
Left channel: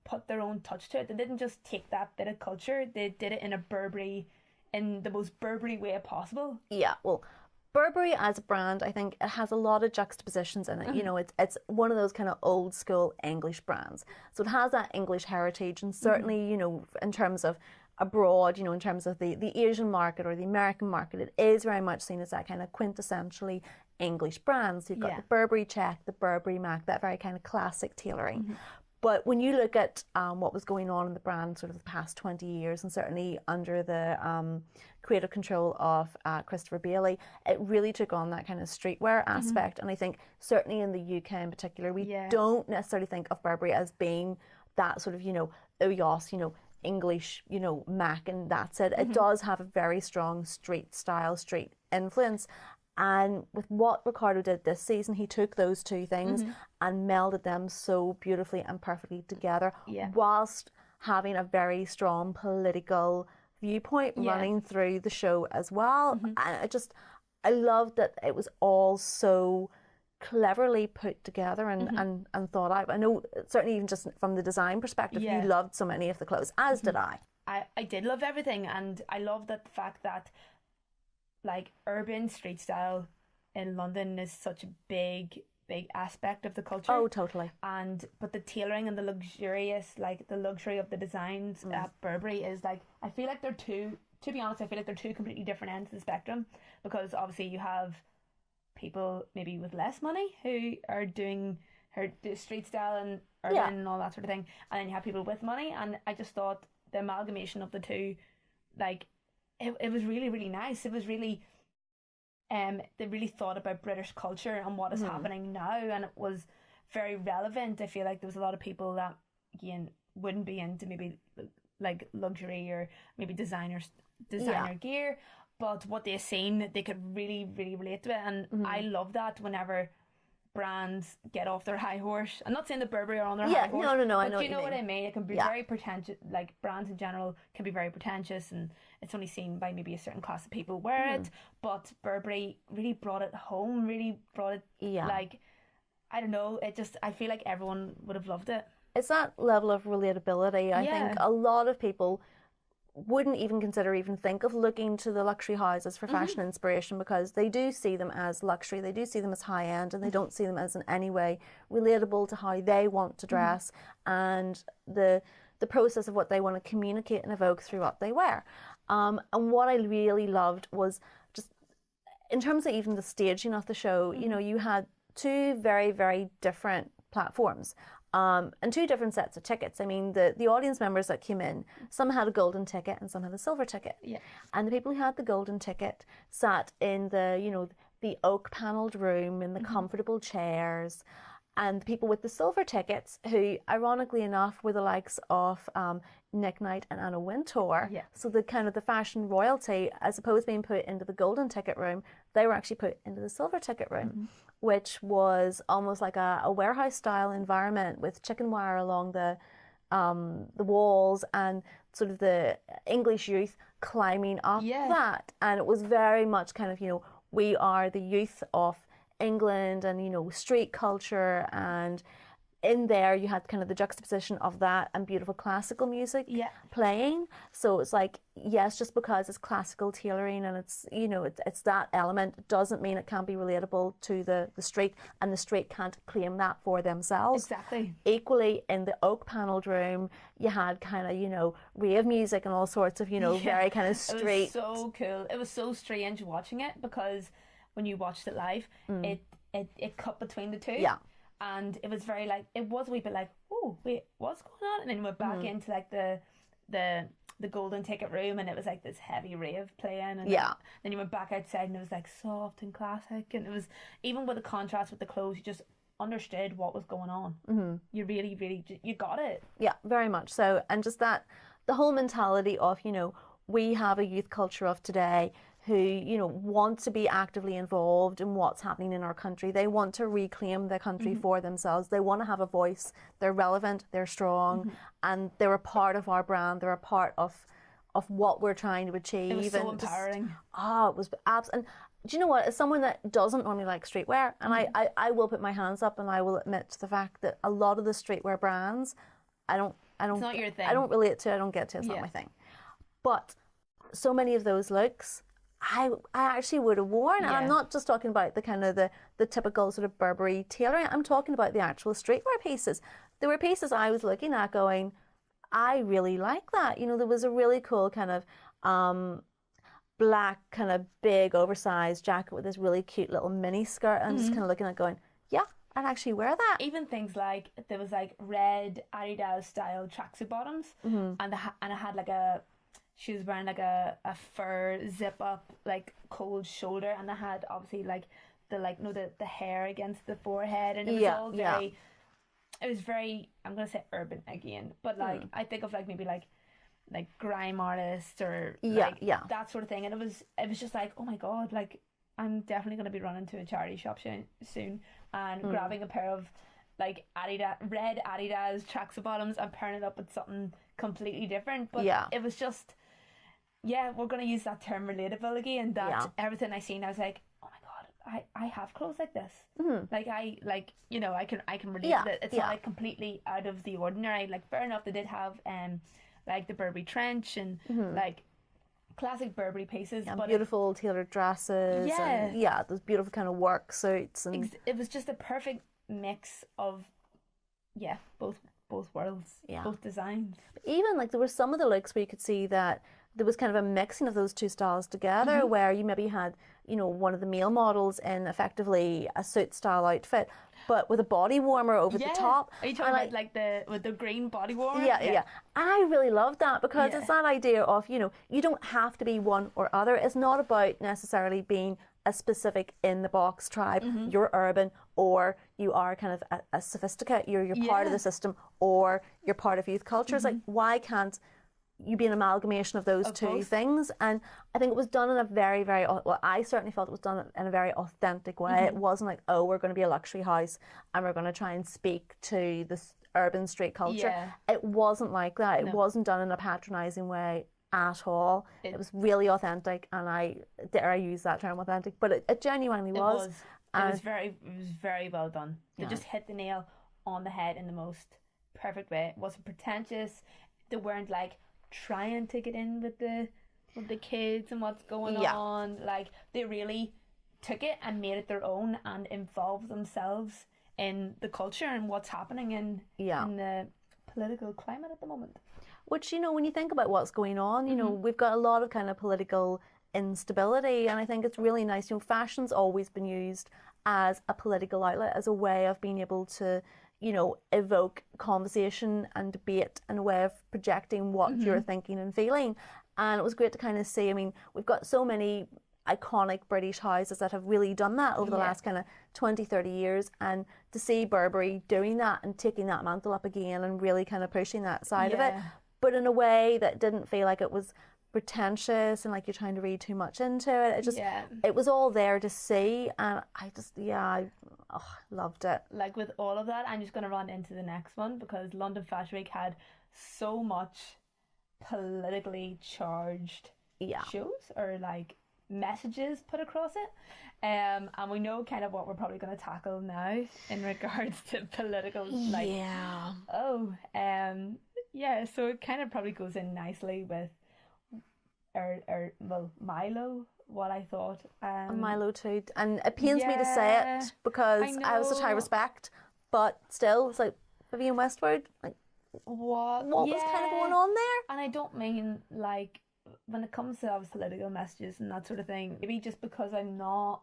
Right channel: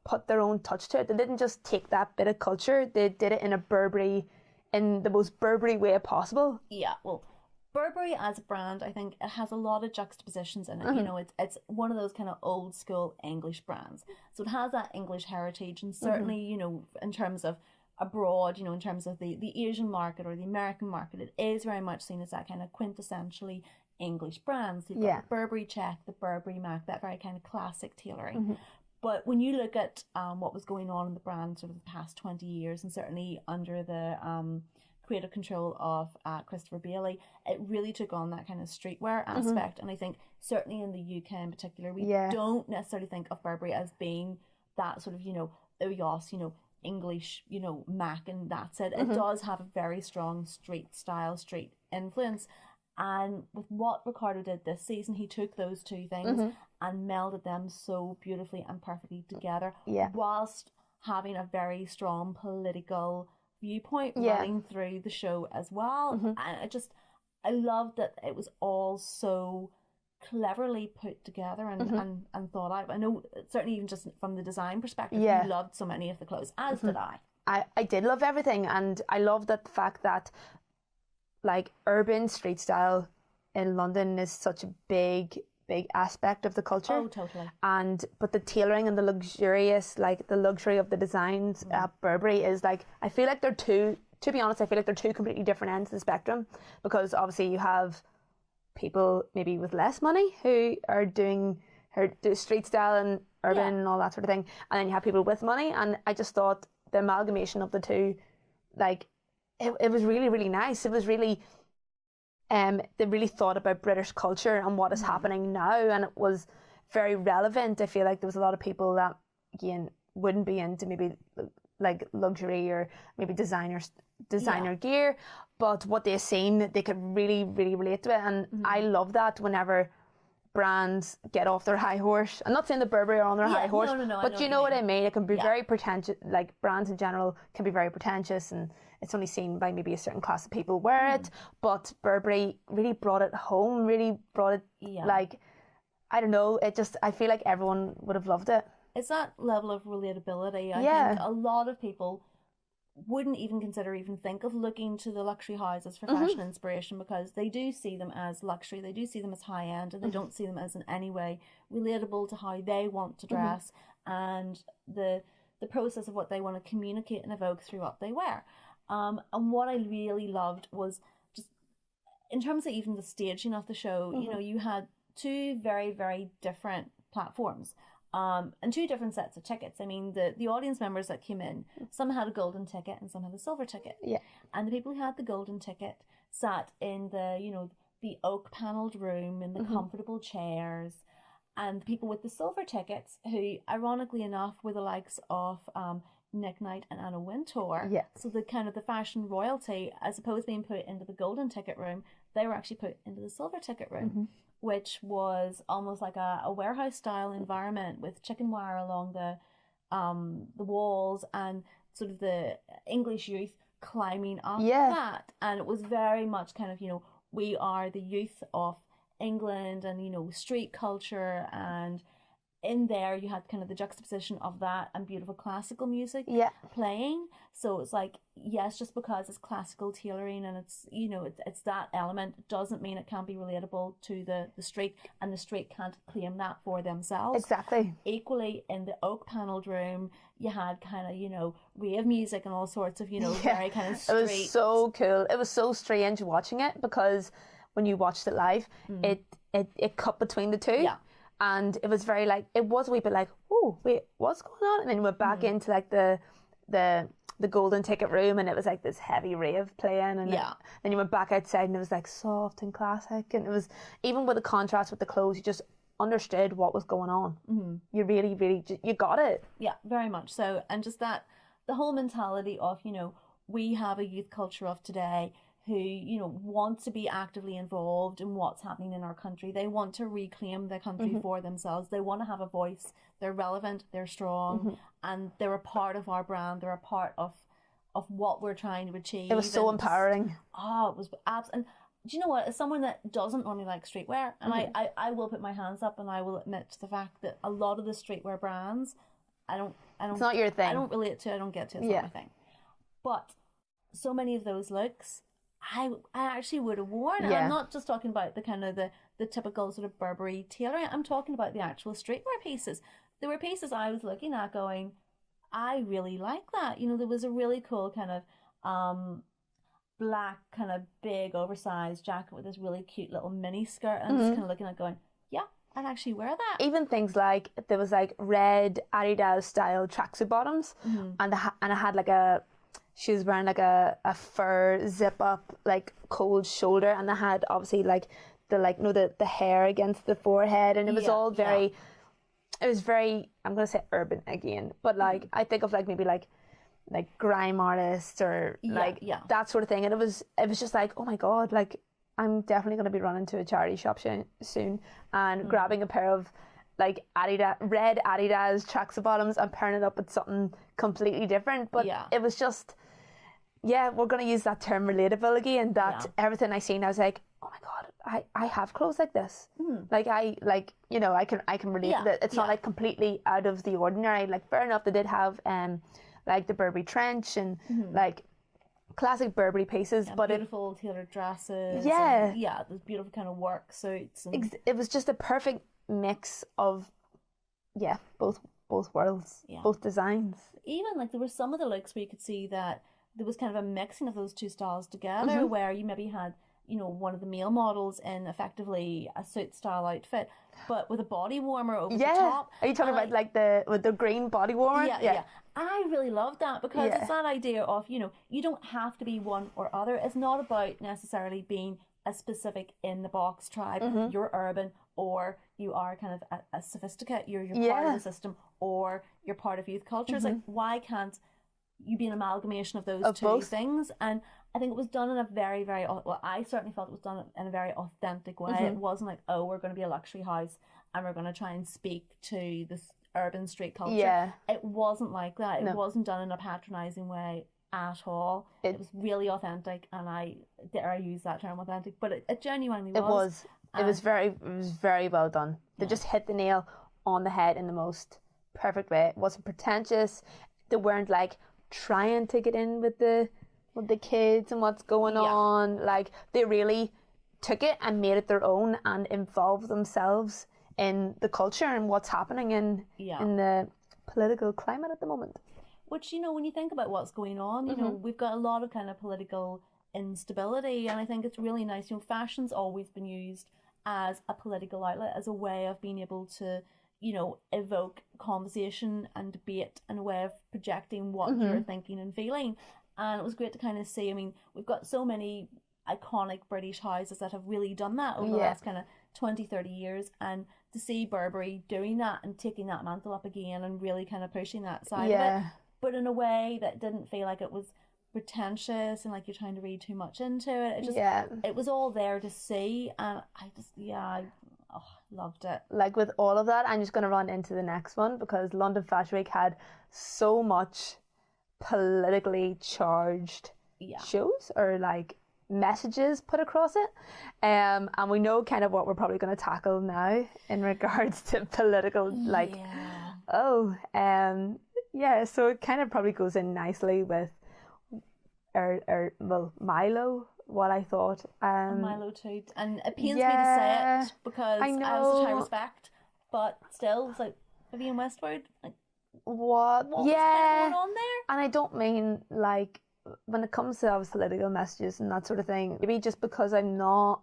put their own touch to it. They didn't just take that bit of culture, they did it in the most Burberry way possible. Yeah, well, Burberry as a brand, I think it has a lot of juxtapositions in it. You know, it's one of those kind of old school English brands. So it has that English heritage, and certainly, you know, in terms of abroad, you know, in terms of the Asian market or the American market, it is very much seen as that kind of quintessentially English brand. So you've got the Burberry check, the Burberry Mac, that very kind of classic tailoring. But when you look at what was going on in the brand sort of the past 20 years, and certainly under the creative control of Christopher Bailey, it really took on that kind of streetwear aspect. And I think certainly in the UK in particular, we don't necessarily think of Burberry as being that sort of, you know, oh yes, you know, English, you know, Mac, and that's it. It does have a very strong street style, street influence. And with what Ricardo did this season, he took those two things and melded them so beautifully and perfectly together, whilst having a very strong political viewpoint running through the show as well. And I loved that it was all so cleverly put together and thought out. I know certainly even just from the design perspective, you loved so many of the clothes, as did I. I did love everything, and I love that the fact that like urban street style in London is such a big aspect of the culture. Oh, totally. But the tailoring and the luxurious, like the luxury of the designs at Burberry is like, I feel like they're two, to be honest, I feel like they're two completely different ends of the spectrum, because obviously you have people maybe with less money who are doing street style and urban and all that sort of thing, and then you have people with money, and I just thought the amalgamation of the two, like, it was really, really nice. It was really, they really thought about British culture and what is happening now, and it was very relevant. I feel like there was a lot of people that, again, wouldn't be into maybe like luxury or maybe designer gear, but what they've seen, they could really, really relate to it. And I love that whenever brands get off their high horse. I'm not saying that Burberry are on their high horse, but you know what I mean. It can be very pretentious, like brands in general can be very pretentious, and it's only seen by maybe a certain class of people wear it, but Burberry really brought it home, really brought it, like, I don't know, I feel like everyone would have loved it. It's that level of relatability. I think a lot of people wouldn't even think of looking to the luxury houses for fashion inspiration, because they do see them as luxury, they do see them as high end, and they don't see them as in any way relatable to how they want to dress and the process of what they want to communicate and evoke through what they wear. And what I really loved was just in terms of even the staging of the show, you know, you had two very, very different platforms. And two different sets of tickets. I mean, the audience members that came in, some had a golden ticket and some had a silver ticket. And the people who had the golden ticket sat in the, you know, the oak panelled room in the comfortable chairs. And the people with the silver tickets, who ironically enough were the likes of Nick Knight and Anna Wintour. So the kind of the fashion royalty, as opposed to being put into the golden ticket room, they were actually put into the silver ticket room. Which was almost like a warehouse style environment with chicken wire along the walls, and sort of the English youth climbing up that. And it was very much kind of, you know, we are the youth of England, and, you know, street culture, and in there you had kind of the juxtaposition of that and beautiful classical music playing. So it's like, yes, just because it's classical tailoring and it's, you know, it's that element doesn't mean it can't be relatable to the street, and the street can't claim that for themselves. Exactly. Equally, in the oak panelled room, you had kind of, you know, rave music and all sorts of, you know, very kind of street. It was so cool. It was so strange watching it, because when you watched it live, it cut between the two. Yeah. And it was very like, it was a wee bit like, oh, wait, what's going on? And then we went back into like the golden ticket room, and it was like this heavy rave playing. And then you went back outside, and it was like soft and classic. And it was, even with the contrast with the clothes, you just understood what was going on. You really, really, you got it. Yeah, very much so. And just that, the whole mentality of, you know, we have a youth culture of today who, you know, want to be actively involved in what's happening in our country. They want to reclaim the country for themselves. They want to have a voice. They're relevant, they're strong, and they're a part of our brand. They're a part of what we're trying to achieve. It was so empowering. It was and do you know what? As someone that doesn't normally like streetwear, and I will put my hands up and I will admit to the fact that a lot of the streetwear brands, I don't. It's not your thing. I don't relate to. I don't get to. It's not my thing. But so many of those looks, I actually would have worn. And I'm not just talking about the kind of the typical sort of Burberry tailoring. I'm talking about the actual streetwear pieces. There were pieces I was looking at going, I really like that. You know, there was a really cool kind of black kind of big oversized jacket with this really cute little mini skirt. And I'm just kind of looking at going, yeah, I'd actually wear that. Even things like, there was like red Adidas style tracksuit bottoms, and I had like she was wearing like a fur zip up, like cold shoulder, and they had obviously like the hair against the forehead, and it was all very, it was very, I'm gonna say urban again, but like I think of like maybe like grime artists or that sort of thing, and it was just like, oh my god, like I'm definitely gonna be running to a charity shop soon and grabbing a pair of like red Adidas tracksuit bottoms and pairing it up with something completely different. But it was just, we're going to use that term relatable again. That everything I seen, I was like, oh my god, I have clothes like this. Like I can relate to it. It's not like completely out of the ordinary. Like fair enough, they did have like the Burberry trench and like classic Burberry pieces, but beautiful tailored dresses. And, those beautiful kind of work suits. And it was just a perfect mix of both worlds, both designs. Even like there were some of the looks where you could see that there was kind of a mixing of those two styles together, where you maybe had, you know, one of the male models in effectively a suit style outfit, but with a body warmer over the top. Are you talking about like the green body warmer? Yeah. I really loved that, because it's that idea of, you know, you don't have to be one or other. It's not about necessarily being a specific in the box tribe. You're urban, or you are kind of a sophisticate. You're part of the system, or you're part of youth culture. It's like, why can't you be an amalgamation of those two things? And I think it was done in a very, very, well, I certainly felt it was done in a very authentic way. It wasn't like, oh, we're going to be a luxury house and we're going to try and speak to this urban street culture. It wasn't like that. It wasn't done in a patronising way at all. It was really authentic, and I dare I use that term, authentic, but it genuinely was. It was very well done. They just hit the nail on the head in the most perfect way. It wasn't pretentious. They weren't like trying to get in with the kids and what's going on. Like, they really took it and made it their own and involved themselves in the culture and what's happening in the political climate at the moment. Which, you know, when you think about what's going on, you know, we've got a lot of kind of political instability, and I think it's really nice. You know, fashion's always been used as a political outlet, as a way of being able to, you know, evoke conversation and debate, and a way of projecting what you're thinking and feeling. And it was great to kind of see, I mean, we've got so many iconic British houses that have really done that over the last kind of 20, 30 years, and to see Burberry doing that and taking that mantle up again and really kind of pushing that side of it, but in a way that didn't feel like it was pretentious and like you're trying to read too much into it. It just, it was all there to see, and I just, I loved it. Like with all of that, I'm just going to run into the next one, because London Fashion Week had so much politically charged shows, or like messages put across it. And we know kind of what we're probably going to tackle now in regards to political, like, so it kind of probably goes in nicely with Milo, what I thought. Milo too. And it pains me to say it because I have such high respect, but still, it's like, Vivienne Westwood, like, what was kind of going on there? And I don't mean, like, when it comes to those political messages and that sort of thing, maybe just because I'm not,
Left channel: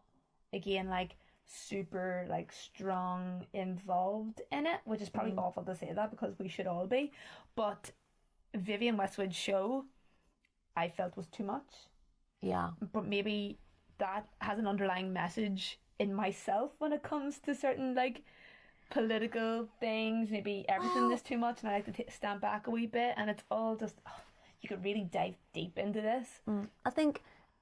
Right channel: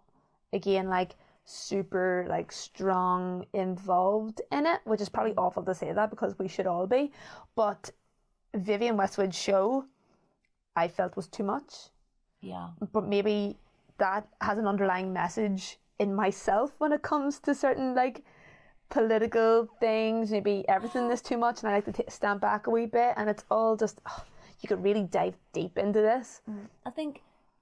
again, like, super, like, strong involved in it, which is probably awful to say that because we should all be, but Vivienne Westwood's show, I felt was too much. Yeah. But maybe that has an underlying message in myself when it comes to certain, like, political things. Maybe everything is too much and I like to stand back a wee bit, and it's all just, you could really dive deep into this. I think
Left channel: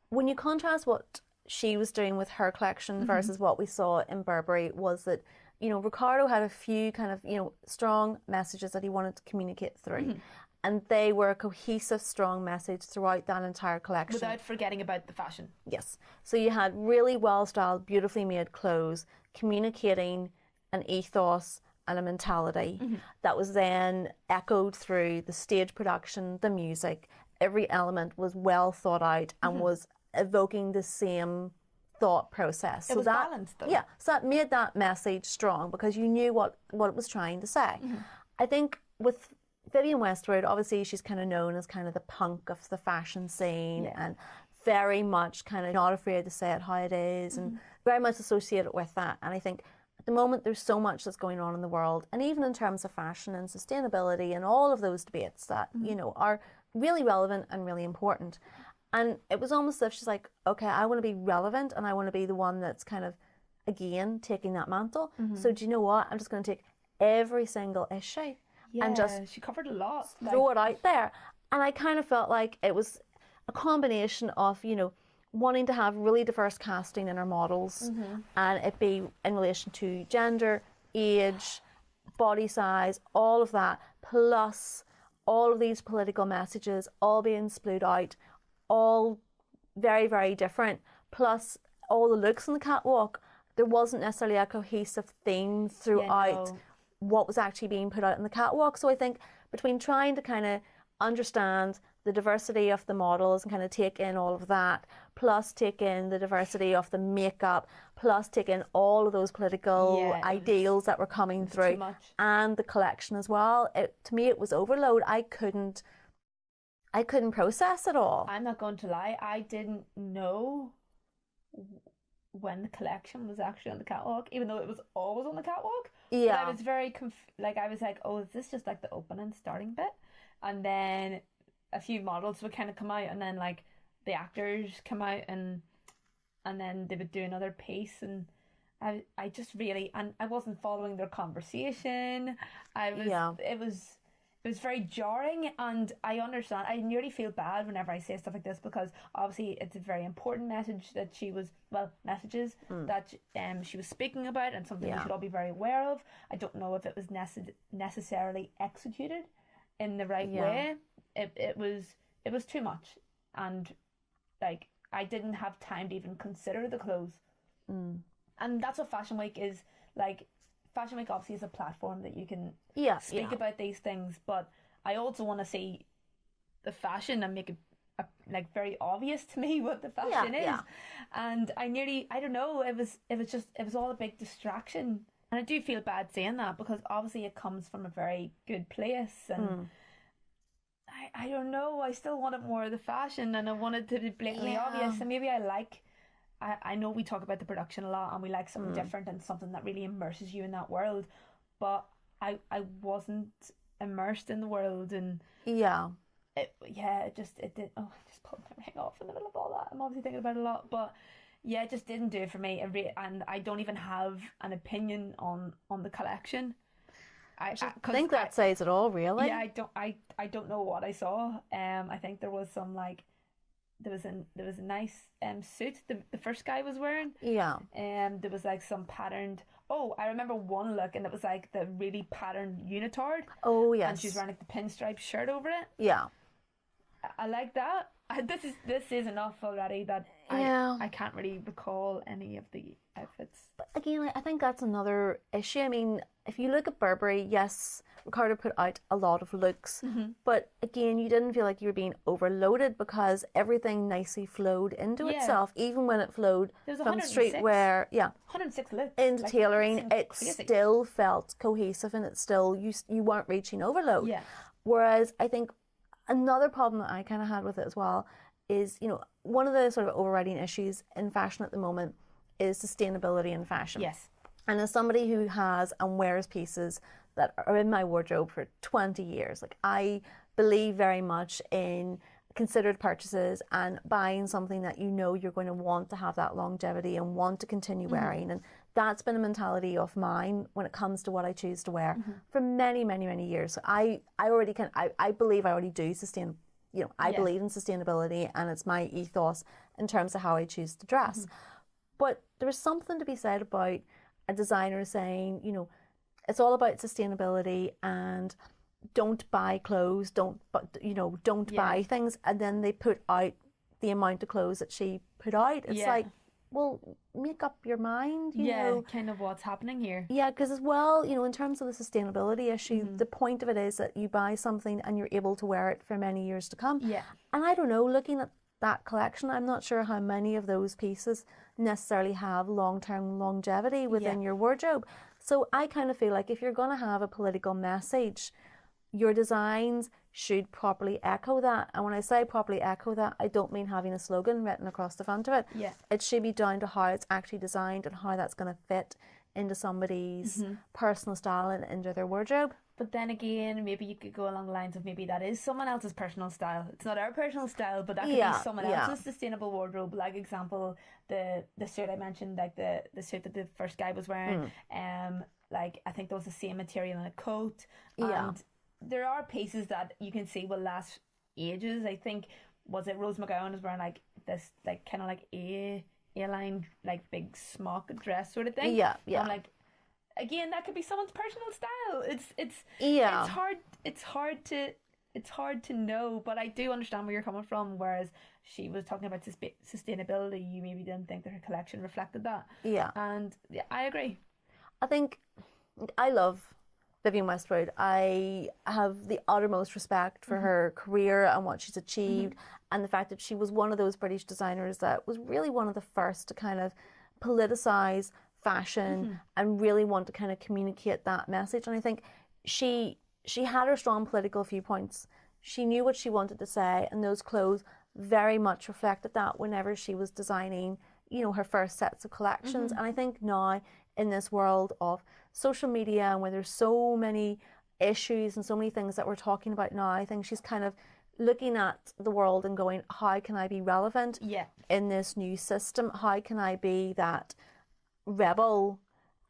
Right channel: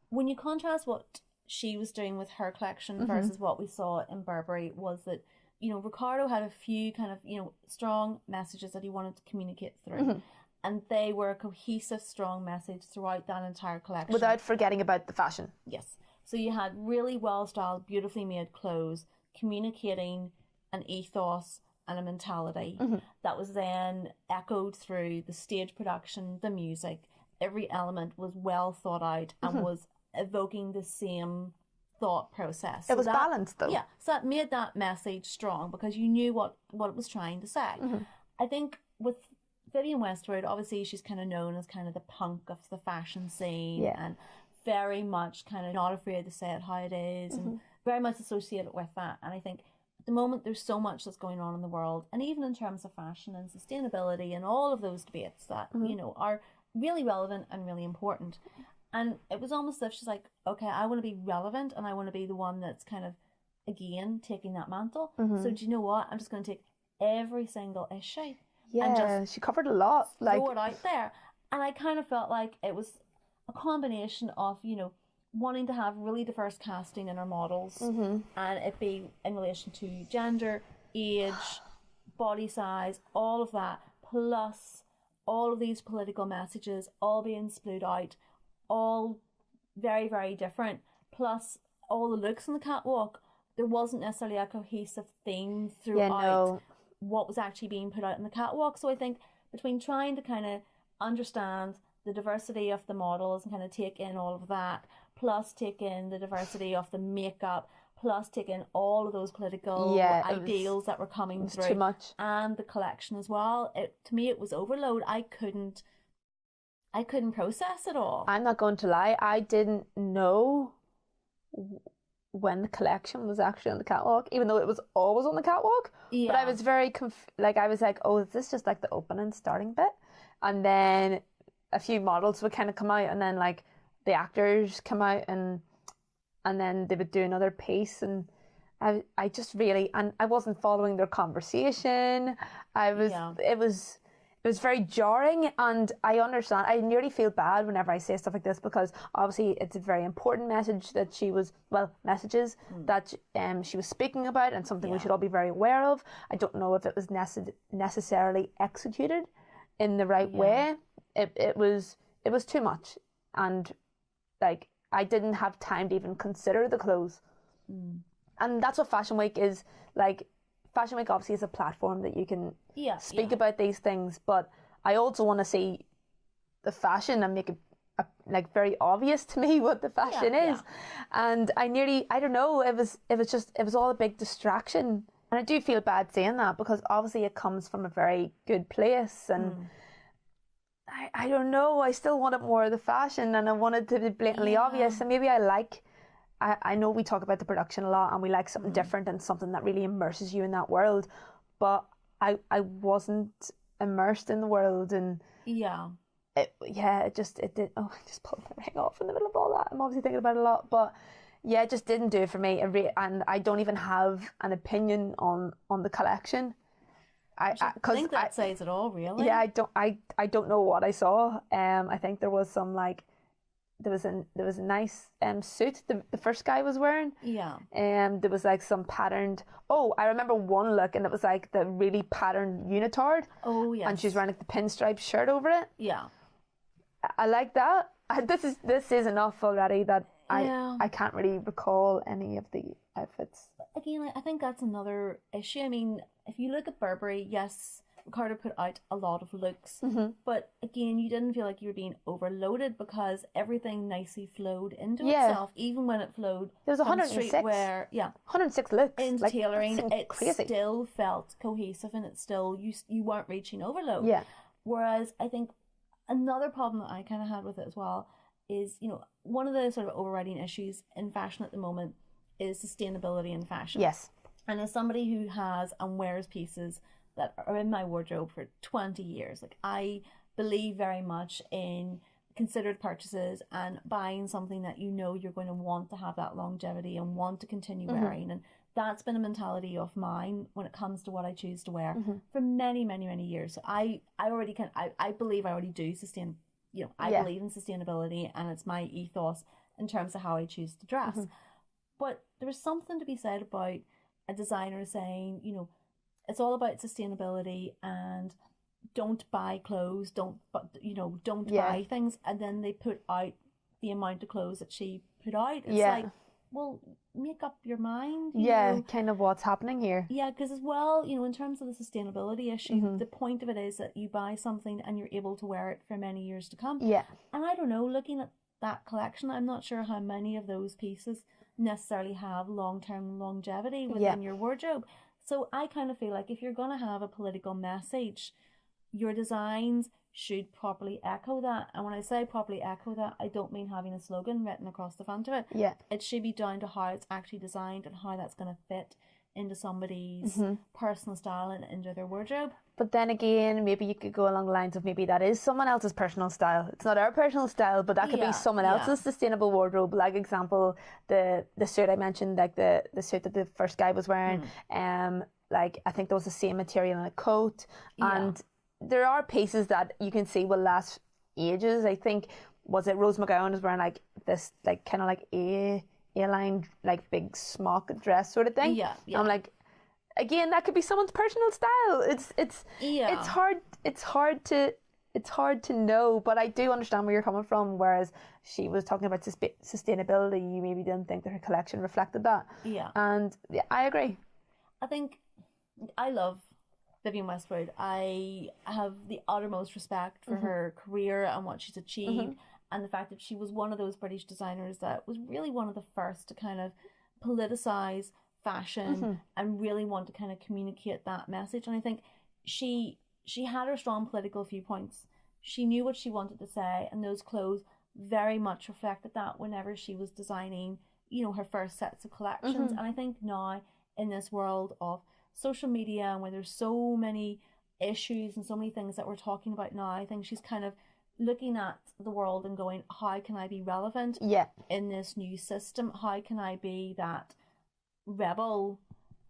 when you contrast what she was doing with her collection versus what we saw in Burburry, was that, you know, Ricardo had a few kind of, you know, strong messages that he wanted to communicate through. And they were a cohesive, strong message throughout that entire collection. Without forgetting about the fashion. Yes. So you had really well-styled, beautifully made clothes communicating an ethos and a mentality that was then echoed through the stage production, the music. Every element was well thought out and was evoking the same thought process. It was balanced, though. Yeah. So that made that message strong because you knew what it was trying to say. I think with Vivienne Westwood, obviously she's kind of known as kind of the punk of the fashion scene and very much kind of not afraid to say it how it is and very much associated with that. And I think at the moment there's so much that's going on in the world, and even in terms of fashion and sustainability and all of those debates that, you know, are really relevant and really important. And it was almost as if she's like, okay, I want to be relevant and I want to be the one that's kind of, again, taking that mantle. So do you know what? I'm just going to take every single issue and just she covered a lot. Throw it out there. And I kind of felt like it was a combination of, you know, wanting to have really diverse casting in our models and it be in relation to gender, age, body size, all of that, plus all of these political messages all being split out, all very, very different, plus all the looks on the catwalk. There wasn't necessarily a cohesive theme throughout what was actually being put out on the catwalk. So I think between trying to kind of understand the diversity of the models and kind of take in all of that, plus take in the diversity of the makeup, plus take in all of those political ideals that were coming through, too much. And the collection as well. To me, it was overload. I couldn't process it all. I'm not going to lie, I didn't know when the collection was actually on the catwalk, even though it was always on the catwalk. But I was very I was like, oh, is this just like the opening starting bit? And then a few models would kind of come out, and then like the actors come out, and then they would do another piece, and I just really, and I wasn't following their conversation. It was very jarring, and I understand. I nearly feel bad whenever I say stuff like this because obviously it's a very important message that she was, that she was speaking about, and something we should all be very aware of. I don't know if it was necessarily executed in the right way. It was too much, and like I didn't have time to even consider the clothes. And that's what Fashion Week is like. Fashion Week obviously is a platform that you can speak about these things, but I also want to see the fashion and make it like very obvious to me what the fashion is. And I don't know, it was all a big distraction, and I do feel bad saying that because obviously it comes from a very good place, and I don't know, I still wanted more of the fashion, and I wanted to be blatantly obvious, and maybe I know we talk about the production a lot and we like something different and something that really immerses you in that world, but I wasn't immersed in the world, and it did. Oh, I just pulled my ring off in the middle of all that. I'm obviously thinking about it a lot, but it just didn't do it for me. And I don't even have an opinion on the collection. I think that says it all, really. Yeah, I don't know what I saw. I think there was some like. There was a nice suit the first guy was wearing. There was like some patterned. Oh, I remember one look, and it was like the really patterned unitard. Oh yes. And she's wearing like the pinstripe shirt over it. Yeah. I like that. This is enough already. That I can't really recall any of the outfits. But again, I think that's another issue. I mean, if you look at Burberry, yes, Ricardo put out a lot of looks, but again, you didn't feel like you were being overloaded because everything nicely flowed into itself, even when it flowed There's from 106. streetwear, 106 looks. into Like, tailoring. It crazy. still felt cohesive, and it still, you weren't reaching overload. Yeah. Whereas I think another problem that I kind of had with it as well is, one of the sort of overriding issues in fashion at the moment is sustainability in fashion. Yes. And as somebody who has and wears pieces that are in my wardrobe for 20 years, like, I believe very much in considered purchases and buying something that you're going to want to have that longevity and want to continue wearing. And that's been a mentality of mine when it comes to what I choose to wear for many, many, many years. So I believe I already do I believe in sustainability, and it's my ethos in terms of how I choose to dress. But there's something to be said about a designer saying, it's all about sustainability and don't buy clothes, don't buy things, and then they put out the amount of clothes that she put out. It's like, well, make up your mind. You know? Kind of what's happening here. Yeah, because as well, in terms of the sustainability issue, the point of it is that you buy something and you're able to wear it for many years to come. Yeah. And I don't know, looking at that collection, I'm not sure how many of those pieces necessarily have long-term longevity within your wardrobe. So I kind of feel like if you're going to have a political message, your designs should properly echo that. And when I say properly echo that, I don't mean having a slogan written across the front of it. Yeah. It should be down to how it's actually designed and how that's going to fit into somebody's personal style and into their wardrobe. But then again, maybe you could go along the lines of maybe that is someone else's personal style. It's not our personal style, but that could be someone else's sustainable wardrobe. Like, example, the suit I mentioned, like the suit that the first guy was wearing, like, I think there was the same material in a coat. And there are pieces that you can see will last ages. I think, was it Rose McGowan was wearing like this, like, kind of like A-line, like, big smock dress sort of thing. Yeah. I'm like, again, that could be someone's personal style. It's hard to know, but I do understand where you're coming from. Whereas she was talking about sustainability, you maybe didn't think that her collection reflected that. Yeah. And I agree. I think I love Vivienne Westwood. I have the uttermost respect for her career and what she's achieved, and the fact that she was one of those British designers that was really one of the first to kind of politicize fashion and really want to kind of communicate that message. And I think she had her strong political viewpoints. She knew what she wanted to say, and those clothes very much reflected that whenever she was designing, her first sets of collections. And I think now in this world of social media and where there's so many issues and so many things that we're talking about now, I think she's kind of looking at the world and going, how can I be relevant in this new system? How can I be that rebel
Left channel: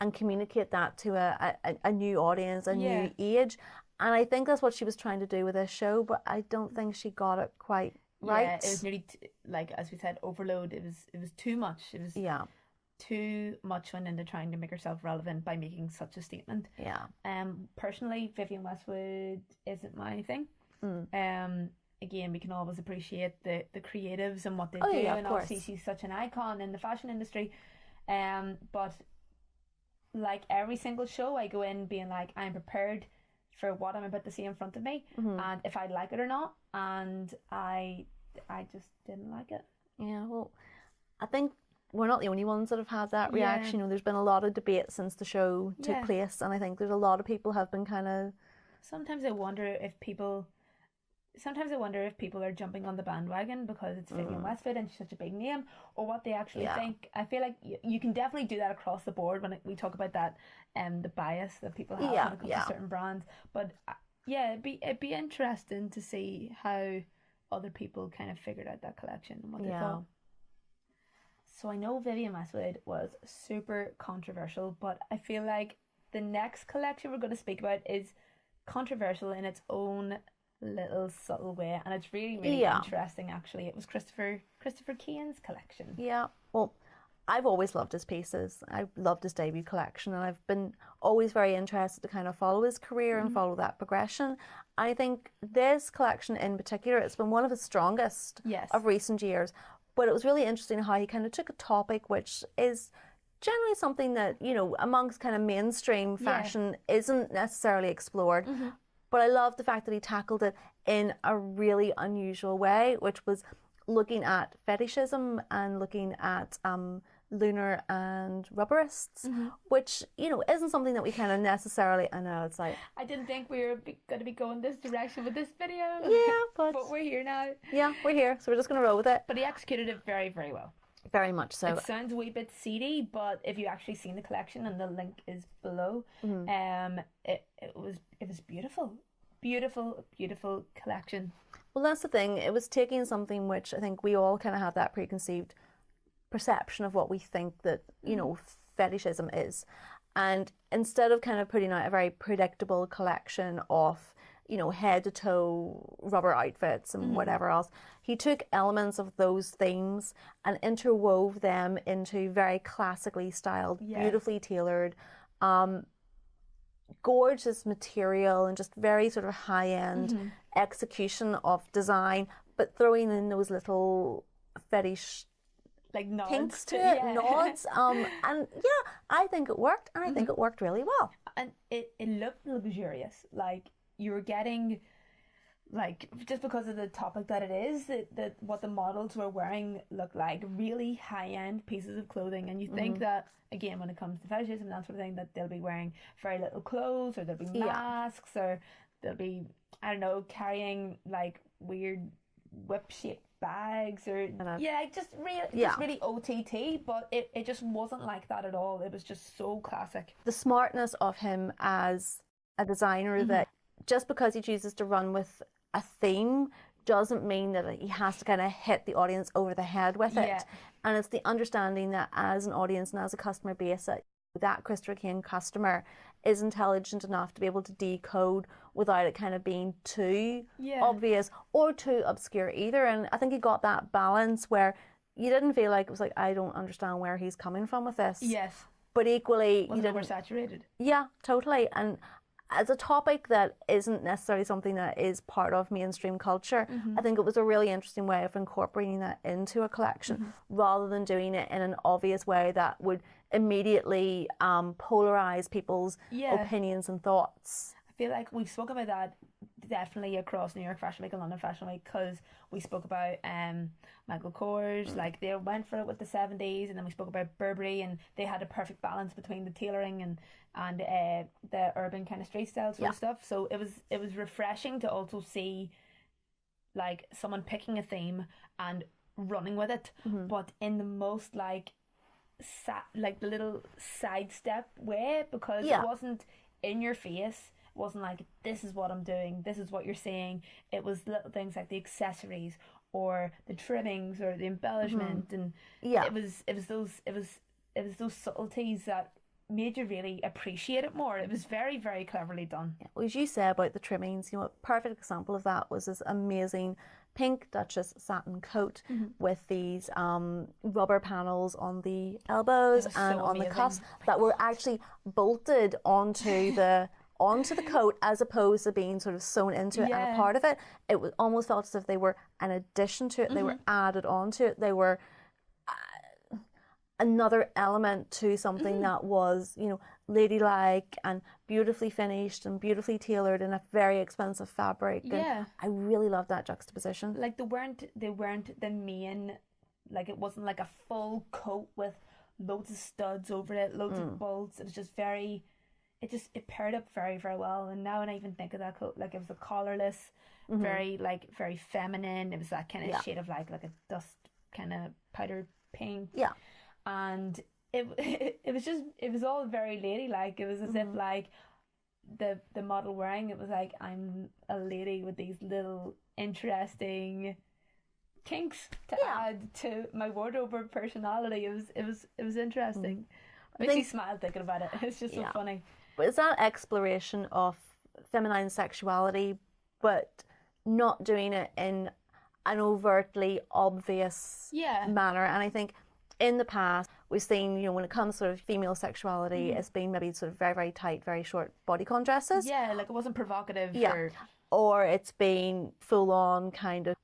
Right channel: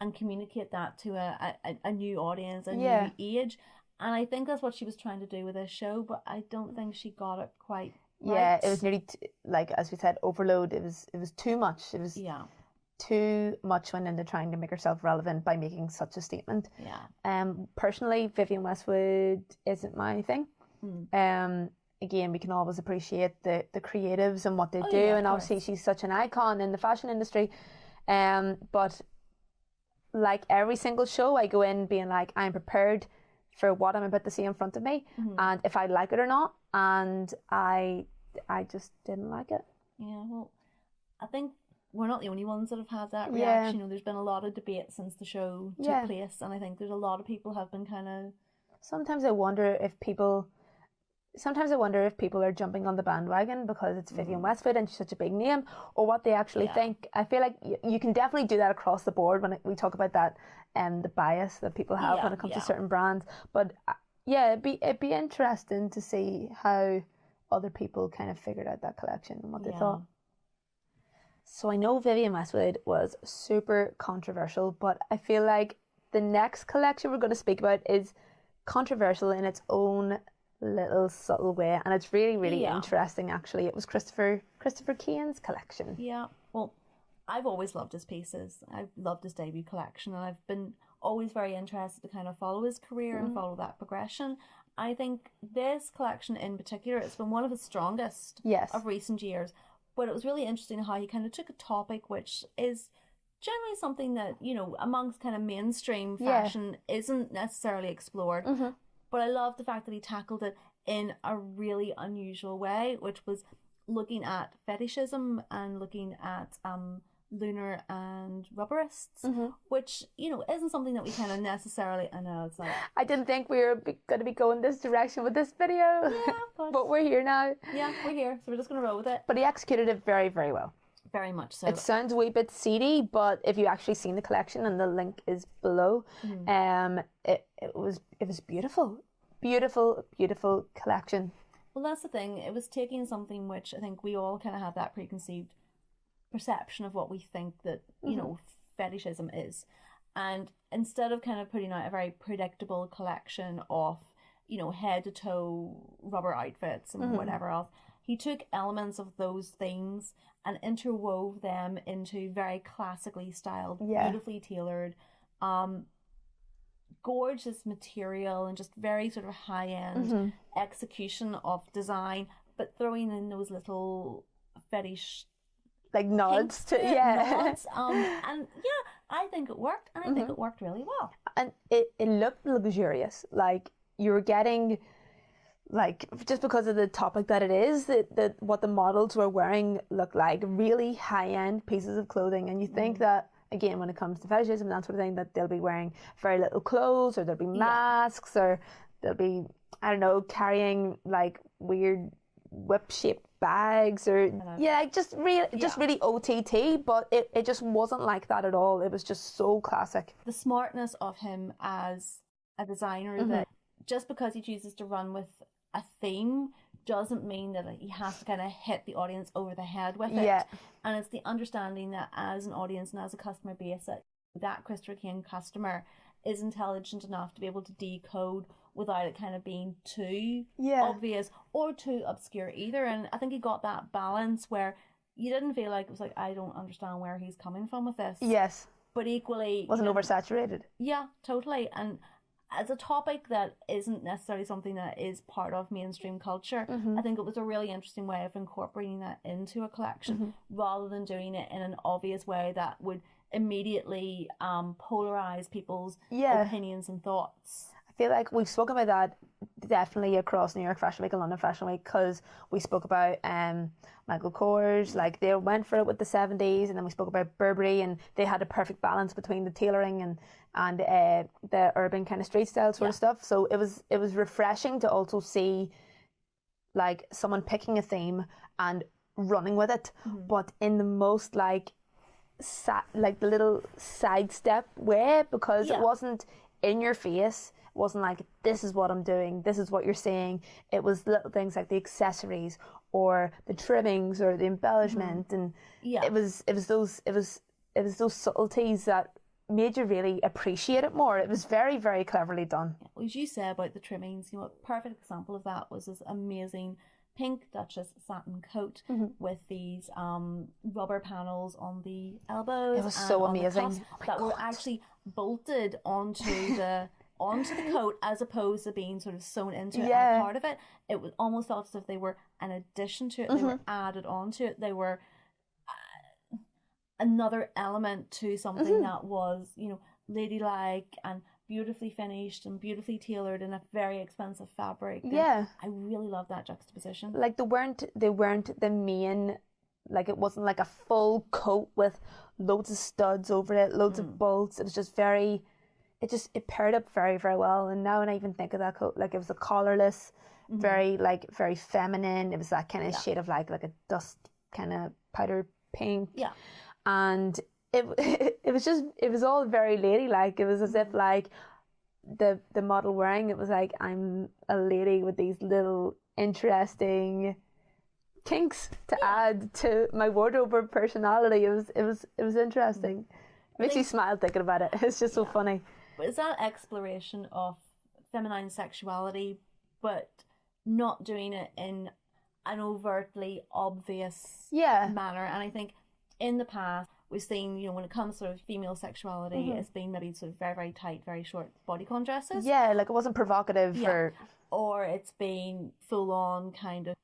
and communicate that to a new audience, a new age? And I think that's what she was trying to do with this show, but I don't think she got it quite right. Yeah, it was nearly like, as we said, overload. It was too much. It was too much went into trying to make herself relevant by making such a statement. Personally, Vivienne Westwood isn't my thing. Again, we can always appreciate the creatives and what they do, and obviously she's such an icon in the fashion industry. But like every single show, I go in being like, I'm prepared for what I'm about to see in front of me, and if I like it or not. And I just didn't like it. Yeah, well, I think we're not the only ones that have had that reaction. There's been a lot of debate since the show took place, and I think there's a lot of people have been kind of. Sometimes I wonder if people are jumping on the bandwagon because it's Vivienne Westwood and she's such a big name, or what they actually think. I feel like you can definitely do that across the board when we talk about that, the bias that people have when it comes to certain brands. But it'd be interesting to see how other people kind of figured out that collection and what they thought. So I know Vivienne Westwood was super controversial, but I feel like the next collection we're going to speak about is controversial in its own little subtle way, and it's really, really interesting. Actually, it was Christopher Kane's collection. Yeah, well, I've always loved his pieces. I've loved his debut collection, and I've been always very interested to kind of follow his career and follow that progression. I think this collection in particular, it's been one of his strongest of recent years. But it was really interesting how he kind of took a topic which is generally something that, you know, amongst kind of mainstream fashion isn't necessarily explored. But I love the fact that he tackled it in a really unusual way, which was looking at fetishism and looking at lunar and rubberists, which, you know, isn't something that we kind of necessarily, I know, it's like... I didn't think we were going to be going this direction with this video. Yeah, but we're here now. Yeah, we're here, so we're just going to roll with it. But he executed it very, very well. Very much so. It sounds a wee bit seedy, but if you actually seen the collection, and the link is below, it was beautiful. Beautiful collection. Well, that's the thing. It was taking something which I think we all kind of had that preconceived perception of what we think that, you know, fetishism is. And instead of kind of putting out a very predictable collection of, you know, head to toe rubber outfits and whatever else, he took elements of those themes and interwove them into very classically styled, beautifully tailored, gorgeous material and just very sort of high-end execution of design, but throwing in those little fetish like nods to nods. And yeah, I think it worked, and I think it worked really well. And it looked luxurious. Like you were getting, like, just because of the topic that it is, that what the models were wearing looked like really high-end pieces of clothing. And you think that, again, when it comes to fetishism and that sort of thing, that they'll be wearing very little clothes, or there'll be masks, or they'll be, I don't know, carrying like weird whip-shaped bags, or just really OTT, but it just wasn't like that at all. It was just so classic. The smartness of him as a designer, that just because he chooses to run with a theme doesn't mean that he has to kind of hit the audience over the head with it. And it's the understanding that as an audience and as a customer base, that Christopher Kane customer is intelligent enough to be able to decode without it kind of being too obvious or too obscure either. And I think he got that balance where you didn't feel like it was like, I don't understand where he's coming from with this. Yes. But equally... Wasn't oversaturated. Yeah, totally. And as a topic that isn't necessarily something that is part of mainstream culture, I think it was a really interesting way of incorporating that into a collection rather than doing it in an obvious way that would immediately polarize people's opinions and thoughts. I feel like we've spoken about that definitely across New York Fashion Week and London Fashion Week, because we spoke about Michael Kors, like they went for it with the 70s, and then we spoke about Burberry, and they had a perfect balance between the tailoring and the urban kind of street style sort of stuff. So it was refreshing to also see like someone picking a theme and running with it, but in the most like the little sidestep way, because it wasn't in your face. It wasn't like, this is what I'm doing, this is what you're saying. It was little things like the accessories or the trimmings or the embellishment, and it was those subtleties that made you really appreciate it more. It was very, very cleverly done. Well, as you say about the trimmings, you know, a perfect example of that was this amazing pink Duchess satin coat with these rubber panels on the elbows and so on amazing. The cuffs that were actually bolted onto the coat, as opposed to being sort of sewn into it and a part of it. It was almost felt as if they were an addition to it. They were added onto it. They were another element to something that was, you know, ladylike and beautifully finished and beautifully tailored in a very expensive fabric. And I really love that juxtaposition. Like they weren't the main, like it wasn't like a full coat with loads of studs over it, loads of bolts. It was just very, it paired up very, very well. And now when I even think of that coat, like it was a collarless, very feminine. It was that kind of shade of like a dust kind of powder pink. Yeah. And it was all very ladylike. It was as if like the model wearing it was like, I'm a lady with these little interesting kinks to add to my wardrobe or personality. It was interesting. Makes you smile thinking about it. It's just so funny. But it's that exploration of feminine sexuality, but not doing it in an overtly obvious manner. And I think in the past we've seen, you know, when it comes to sort of female sexuality, it's been maybe sort of very, very tight, very short bodycon dresses. Yeah, like it wasn't provocative or it's been full on kind of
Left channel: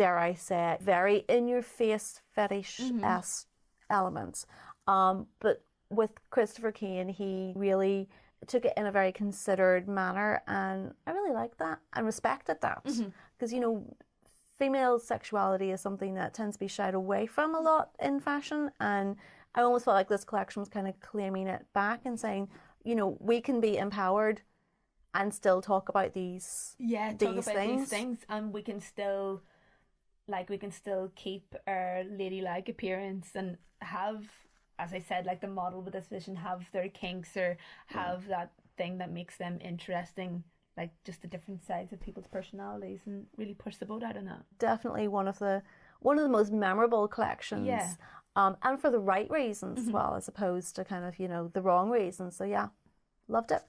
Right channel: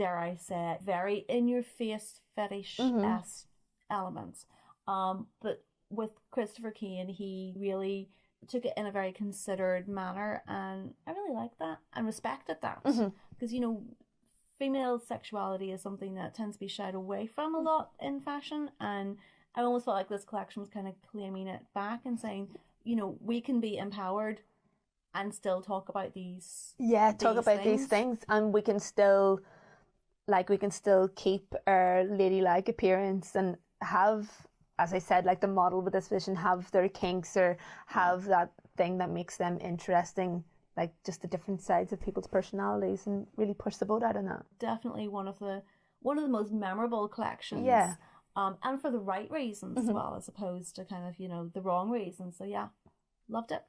dare I say it, very in-your-face fetish-esque elements. But with Christopher Kane, he really took it in a very considered manner, and I really liked that and respected that, because you know, female sexuality is something that tends to be shied away from a lot in fashion, and I almost felt like this collection was kind of claiming it back and saying, you know, we can be empowered and still talk about these these things, and we can still keep our ladylike appearance and have, as I said, like the model with this vision, have their kinks or have that thing that makes them interesting, like just the different sides of people's personalities, and really push the boat out on that. Definitely one of the most memorable collections. Yeah. And for the right reasons as well, as opposed to kind of, you know, the wrong reasons. So yeah, loved it.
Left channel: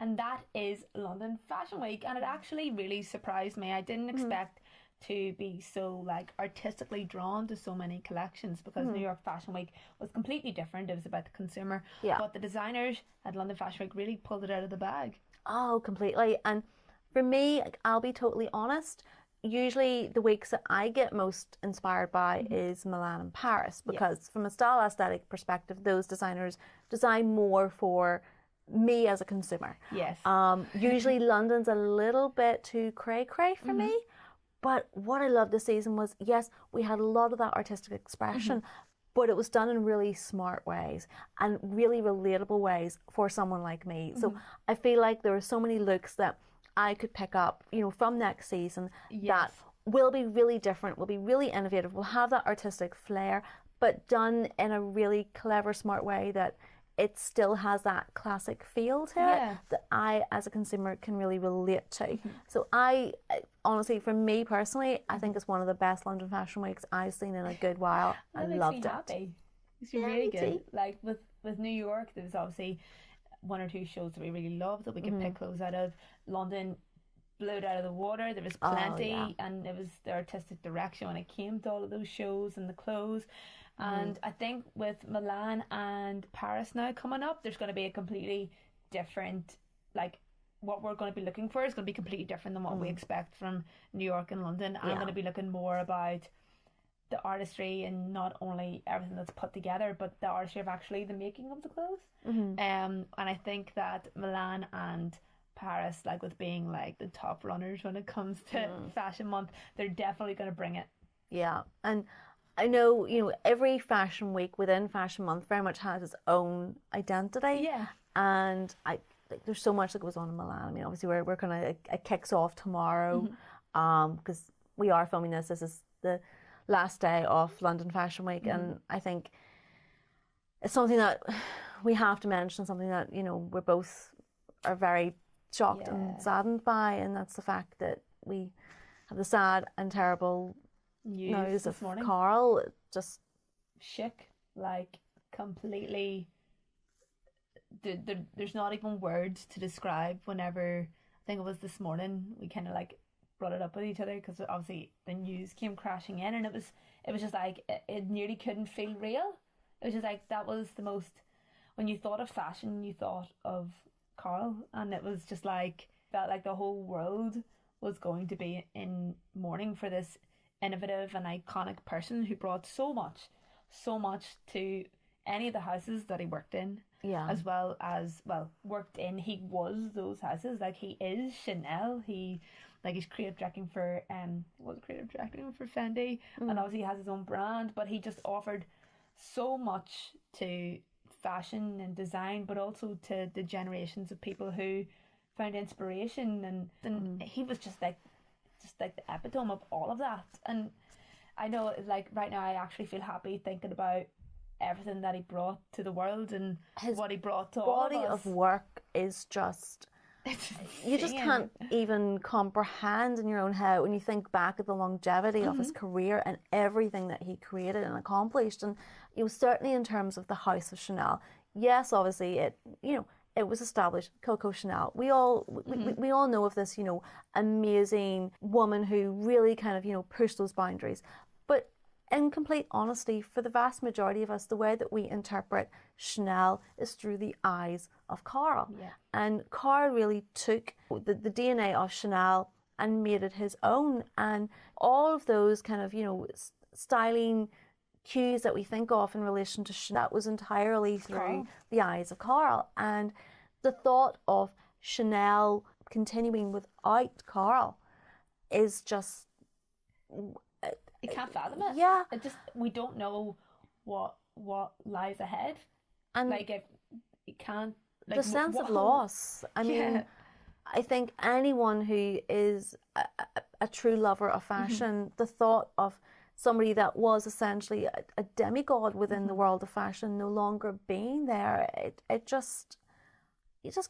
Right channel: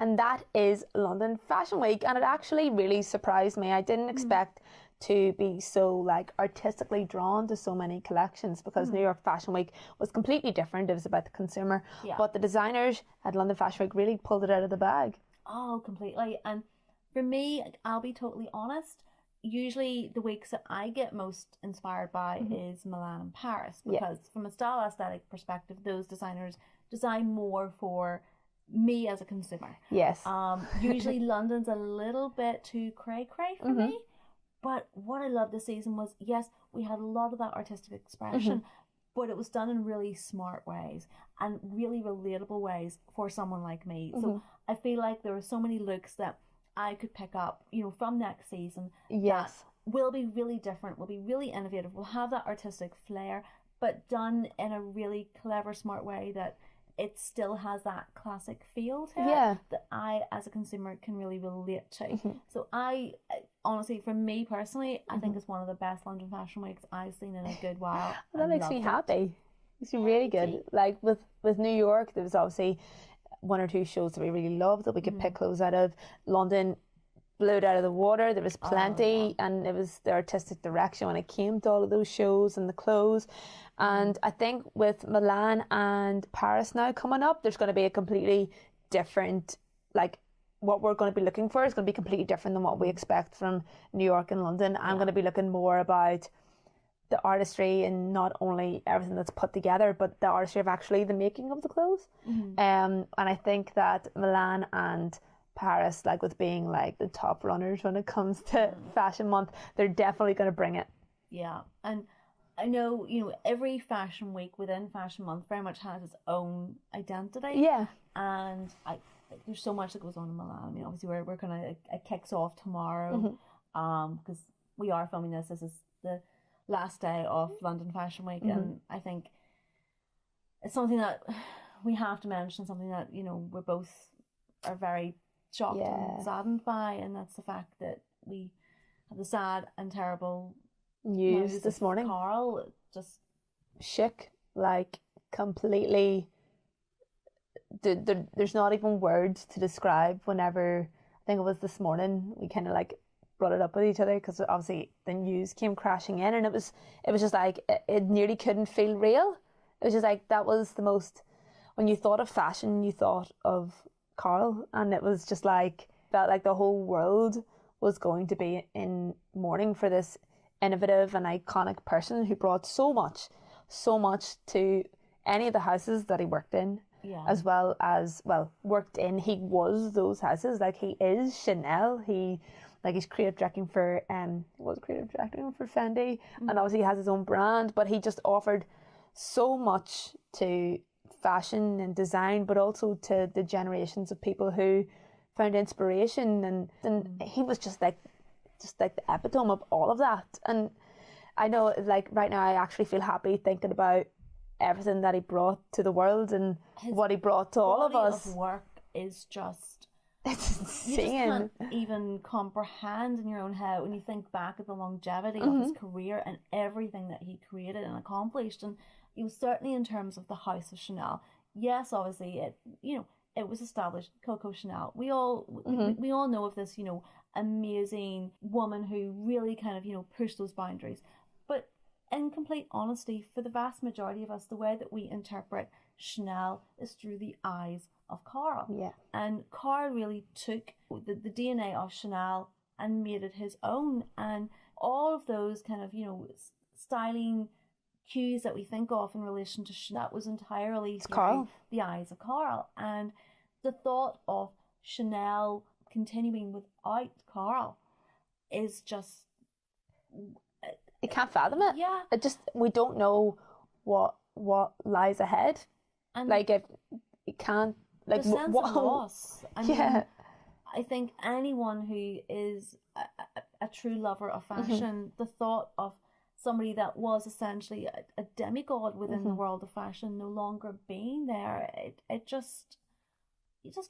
And that is London Fashion Week, and it actually really surprised me. I didn't expect to be so like artistically drawn to so many collections, because New York Fashion Week was completely different. It was about the consumer, but the designers at London Fashion Week really pulled it out of the bag. Oh, completely. And for me, I'll be totally honest, usually the weeks that I get most inspired by is Milan and Paris, because from a style aesthetic perspective, those designers design more for me as a consumer. Yes. Usually London's a little bit too cray-cray for me, but what I loved this season was, yes, we had a lot of that artistic expression, but it was done in really smart ways and really relatable ways for someone like me. So I feel like there were so many looks that I could pick up, you know, from next season that will be really different, will be really innovative, will have that artistic flair, but done in a really clever, smart way that it still has that classic feel to it that I, as a consumer, can really relate to. So I, honestly, for me personally, I think it's one of the best London Fashion Weeks I've seen in a good while. That makes me happy. It's really good. Like with New York, there was obviously one or two shows that we really loved that we could pick clothes out of. London blew it out of the water. There was plenty, and it was the artistic direction when it came to all of those shows and the clothes. And I think with Milan and Paris now coming up, there's going to be a completely different, like, what we're going to be looking for is going to be completely different than what we expect from New York and London. I'm going to be looking more about the artistry and not only everything that's put together, but the artistry of actually the making of the clothes. And I think that Milan and Paris, like with being like the top runners when it comes to Fashion Month, they're definitely going to bring it. Yeah, and I know, you know, every fashion week within Fashion Month very much has its own identity. Yeah. And there's so much that goes on in Milan. I mean, obviously we're gonna, it kicks off tomorrow, because we are filming this. This is the last day of London Fashion Week, and I think it's something that we have to mention, something that, you know, we're both are very shocked and saddened by, and that's the fact that we have the sad and terrible news this morning. Karl just shook, like completely. There's not even words to describe. Whenever, I think it was this morning, we kind of like brought it up with each other, because obviously the news came crashing in, and it was just like it nearly couldn't feel real. It was just like, that was the most, when you thought of fashion, you thought of Karl, and it was just like felt like the whole world was going to be in mourning for this innovative and iconic person who brought so much to any of the houses that he worked in, as well as, worked in. He was those houses, like he is Chanel. He's creative directing for Fendi, and obviously he has his own brand, but he just offered so much to fashion and design, but also to the generations of people who found inspiration, and he was just like the epitome of all of that. And I know, like, right now I actually feel happy thinking about everything that he brought to the world and what he brought to all of us. His body of work is just, you just can't even comprehend in your own head when you think back at the longevity of his career and everything that he created and accomplished. And it was certainly in terms of the House of Chanel. Yes, obviously it was established, Coco Chanel. We all know of this, amazing woman who really kind of, pushed those boundaries. But in complete honesty, for the vast majority of us, the way that we interpret Chanel is through the eyes of Karl. Yeah. And Karl really took the DNA of Chanel and made it his own. And, all of those kind of, styling cues that we think of in relation to Chanel, that was entirely through Karl. the eyes of Karl. And the thought of Chanel continuing without Karl is just... You can't fathom it. Yeah. We don't know what lies ahead. And like, if you can't... Like, the sense of loss. I mean, I think anyone who is a true lover of fashion, the thought of somebody that was essentially a demigod within the world of fashion no longer being there, you just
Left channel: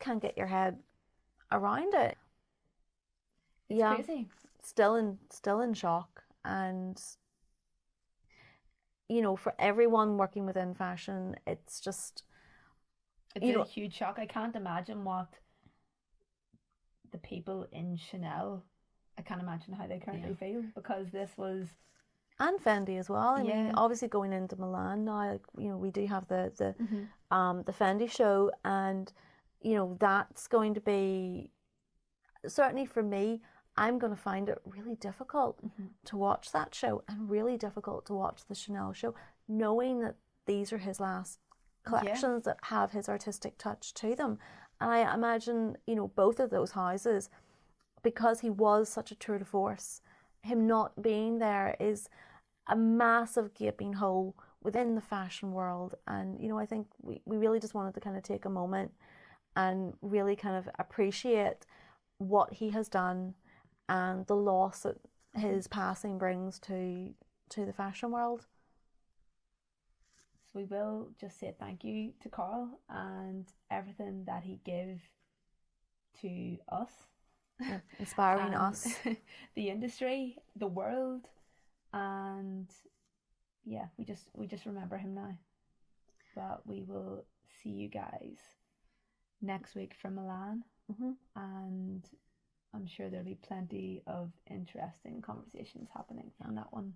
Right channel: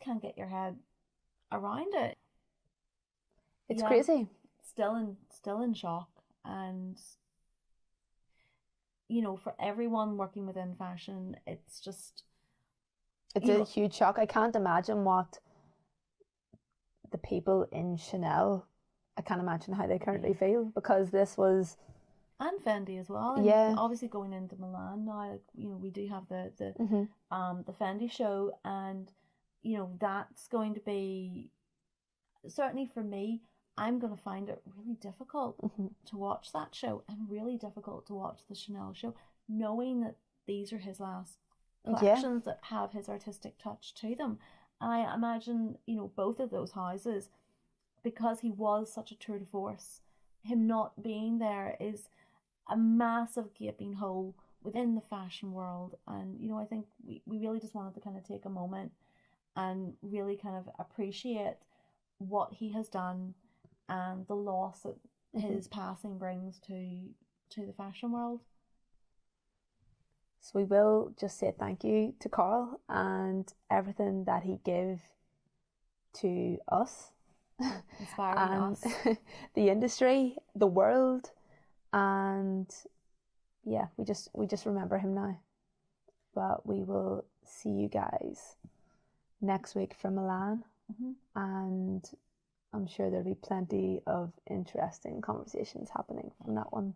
can't get your head around it. It's crazy. Still in shock. And for everyone working within fashion, it's a huge shock. I can't imagine what the people in Chanel, I can't imagine how they currently feel, because this was... And Fendi as well. I mean, obviously going into Milan now, we do have the Fendi show, and that's going to be, certainly for me, I'm going to find it really difficult to watch that show, and really difficult to watch the Chanel show, knowing that these are his last collections that have his artistic touch to them. And I imagine, both of those houses, because he was such a tour de force, him not being there is a massive gaping hole within the fashion world. And, I think we really just wanted to kind of take a moment and really kind of appreciate what he has done and the loss that his passing brings to the fashion world. So we will just say thank you to Karl and everything that he gave to us. Inspiring us. The industry, the world, and we just remember him now. But we will see you guys next week from Milan, and I'm sure there'll be plenty of interesting conversations happening from that one.